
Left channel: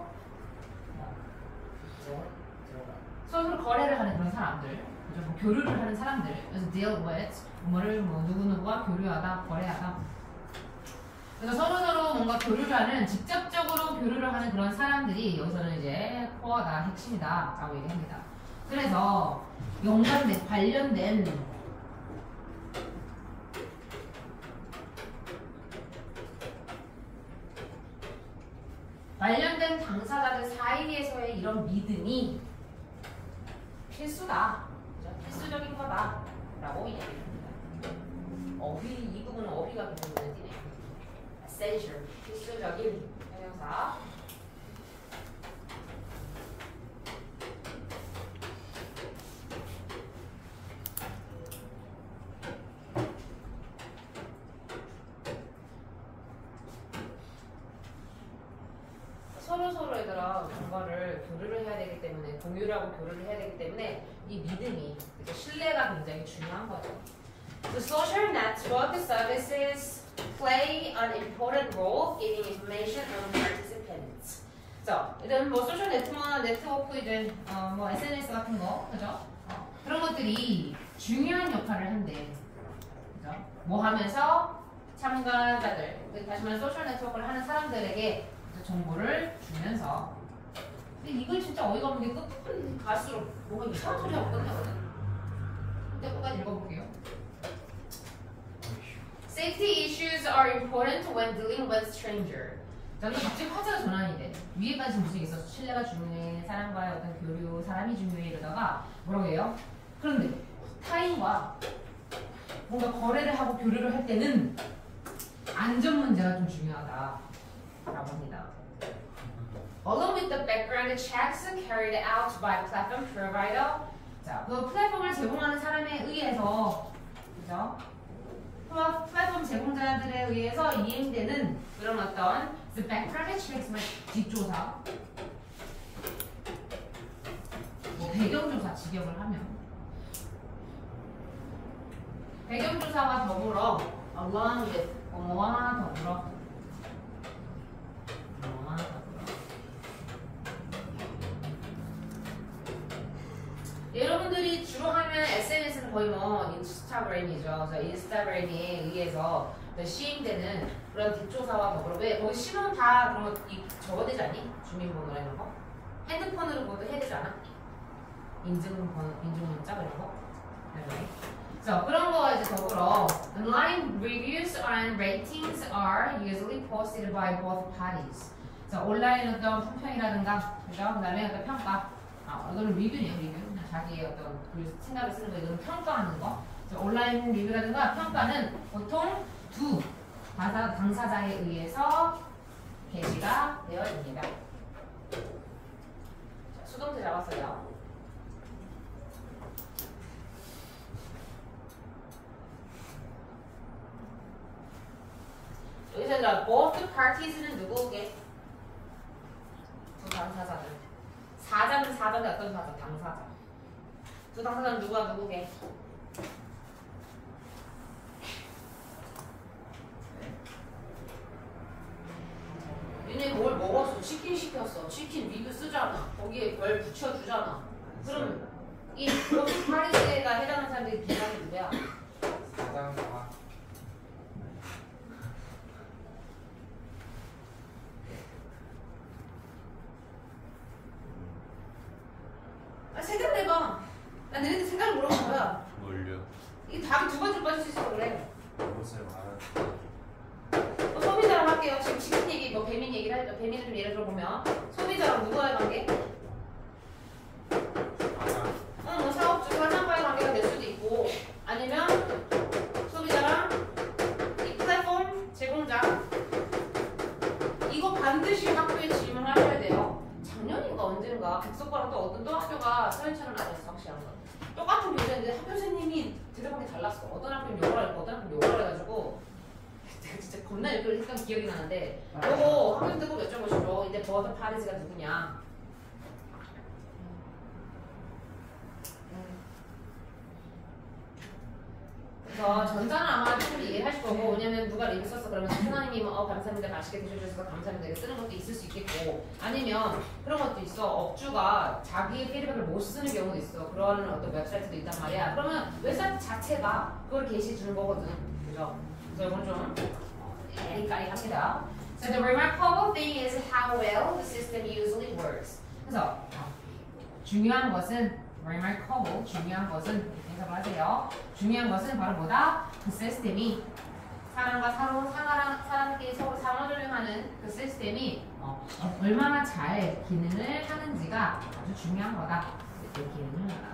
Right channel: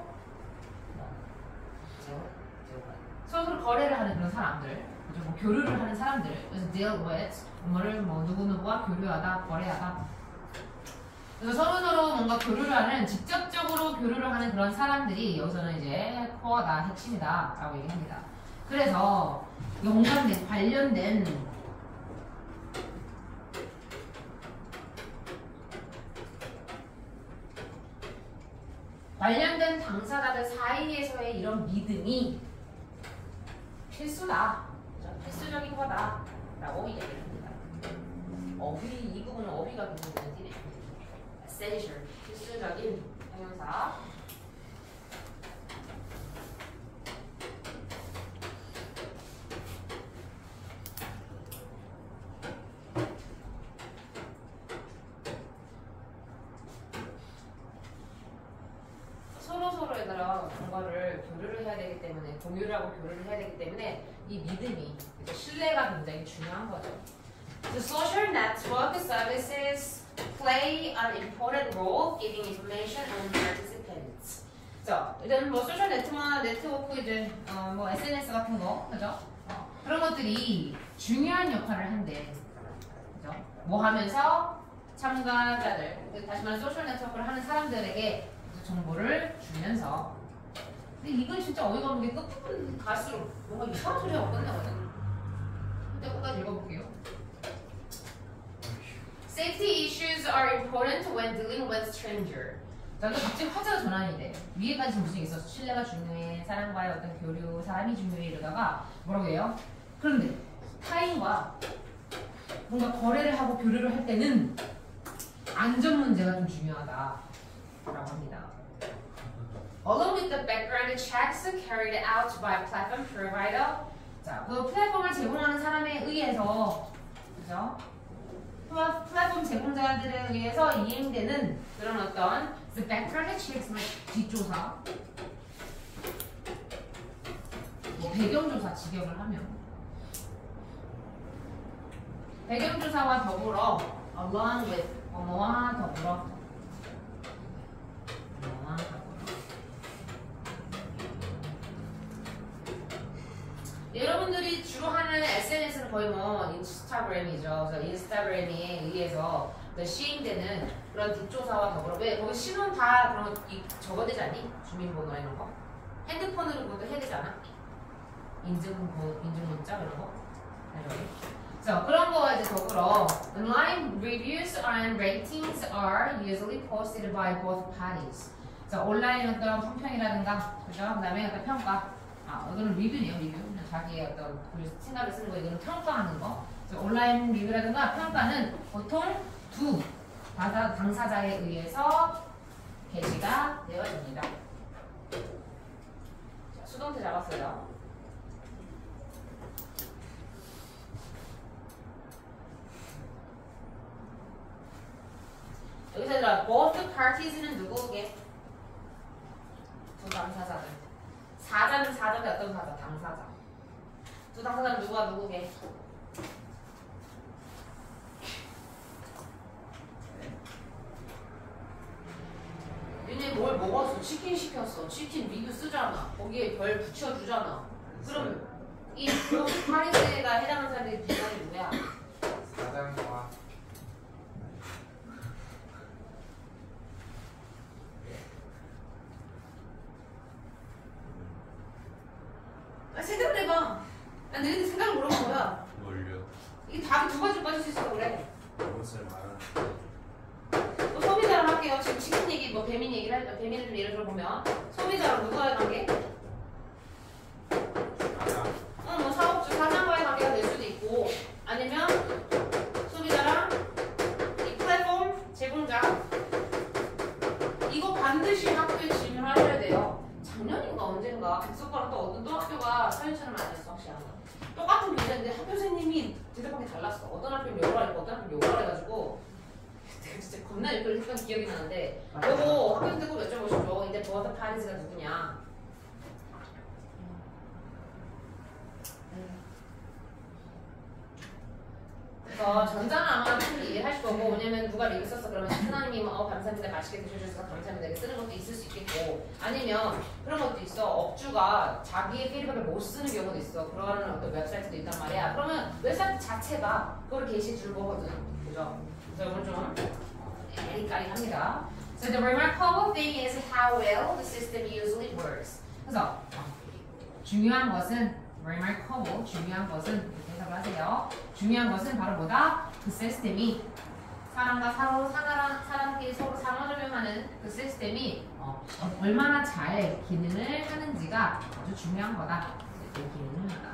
서로 거래를 하는 그런 사람들, 그죠? 뭐 교류를 하는 사람들. 그래서 deal with 뭐를 뭐 누구누구와 교류하다, 거래하다. 그래서 서로 뭔가 교류를 하는, 직접적으로 교류를 하는 그런 사람들이 여기서는 이제 코어다, 핵심이다라고 얘기합니다. 그래서 관련된 당사자들 사이에서의 이런 믿음이 필수다, 필수적인 거다라고 이야기합니다. 이 부분은 어휘가 굉장히 눈에 띄네요. essential, 필수적인 형용사. 서로에다가 뭔가를 교류를 해야 되기 때문에, 공유를 하고 교류를 해야 되기 때문에 이 믿음이, 신뢰가 굉장히 중요한 거죠. The social network services play an important role giving information on participants. 자, 이런 뭐 소셜 네트워크 이제 뭐 SNS 같은 거, 그죠? 그런 것들이 중요한 역할을 한대. 그죠? 뭐 하면서 참가자들, 다시 말해 소셜 네트워크를 하는 사람들에게 정보를 주면서. 근데 이건 진짜 어이가 없는 게 끝부분 갈수록 뭔가 이상한 소리하고 끝나거든. 끝까지 읽어볼게요. Safety issues are important when dealing with stranger. 자, 근데 갑자기 화제가 전환이 돼. 위에까지 무슨 얘기 있었어? 신뢰가 중요해, 사람과의 어떤 교류, 사람이 중요해 이러다가 뭐라고 해요? 그런데 타인과 뭔가 거래를 하고 교류를 할 때는 안전 문제가 좀 중요하다라고 합니다. Along with the background checks carried out by platform provider. 자, 그 플랫폼을 제공하는 사람에 의해서, 그죠? 플랫폼 제공자들에 의해서 이행되는 그런 어떤 the background checks, 뒷조사, 뭐 배경조사 직역을 하면 배경조사와 더불어 along with 뭐와 더불어 여러분들이 주로 하는 SNS는 거의 뭐 인스타그램이죠. 그래서 인스타그램에 의해서 시행되는 그런 뒷조사와 더불어, 왜 거기 신원 다 그런 거 적어되지 않니? 주민번호 이런 거 핸드폰으로 모두 해야 되지 않아? 인증문자 이런 거. So, 그런 거 이제 더불어 online reviews and ratings are usually posted by both parties. 자, 온라인 어떤 품평이라든가, 그죠? 그다음에 어떤 평가. 이거는 리뷰네요, 리뷰. 그냥 자기의 어떤 생각을 쓰는 거, 이거는 평가하는 거. 자, 온라인 리뷰라든가 평가는 보통 두 당사자에 의해서 게시가 되어집니다. 자, 수동태 잡았어요. 여기서 얘들아, both parties는 누구게? 두 당사자들. 사자는 사자인데 어떤 사자? 당사자. 두 당사자는 누구와 누구게? 얘네 뭘 먹었어? 치킨 시켰어. 치킨 리뷰 쓰잖아. 거기에 별 붙여주잖아. 그럼 이 both parties가 해당하는 사람들이 비슷하게 누구야? 사장과 생각을 해봐. 난 너희들 생각을 물어본 거야. 뭘요? 이게 답이 두 가지로 빠질 수 있어 그래. 무엇을 말하는 소비자랑 할게요. 지금 치킨 얘기, 뭐 배민 얘기를 할까? 배민을 좀 예를 들어보면 소비자랑 누구와의 관계? 뭐 사업주 사장과의 관계가 될 수도 있고 아니면 소비자랑 이 플랫폼 제공자. 이거 반드시 학교에 질문하셔야 돼요. 작년인가 언젠가 백석과랑 또 어떤 또 학교가 사연처럼 맞았어. 확실한 거. 똑같은 교재인데 학교 선생님이 대답하기 달랐어. 어떤 학교는 요거라 했고 어떤 학교는 요거라 해가지고 내가 진짜 겁나 이걸 했던 기억이 나는데 요거 학교 때고 여쭤보시죠. 근데 both parties가 누구냐? 그래서 전자는 아마 좀 이해하실 거고 왜냐면 누가 리뷰 썼어 그러면 하나님이 감사합니다 맛있게 드셔주셔서 감사합니다 이렇게 쓰는 것도 있을 수 있겠고 아니면 그런 것도 있어 업주가 자기의 피드백을 못 쓰는 경우도 있어 그러는 어떤 웹사이트도 있단 말이야 그러면 웹사이트 자체가 그걸 게시해 주는 거거든 그죠? 그래서 이건 좀 까리까리합니다. So the remarkable thing is how well the system usually works. 그래서 중요한 것은 remarkable 중요한 것은 이렇게 해석을 하세요. 중요한 것은 바로 뭐다? 그 시스템이 사람과 사람끼리 서로 상호작용하는 그 시스템이 얼마나 잘 기능을 하는지가 아주 중요한 거다. 이렇게 기능을 하나.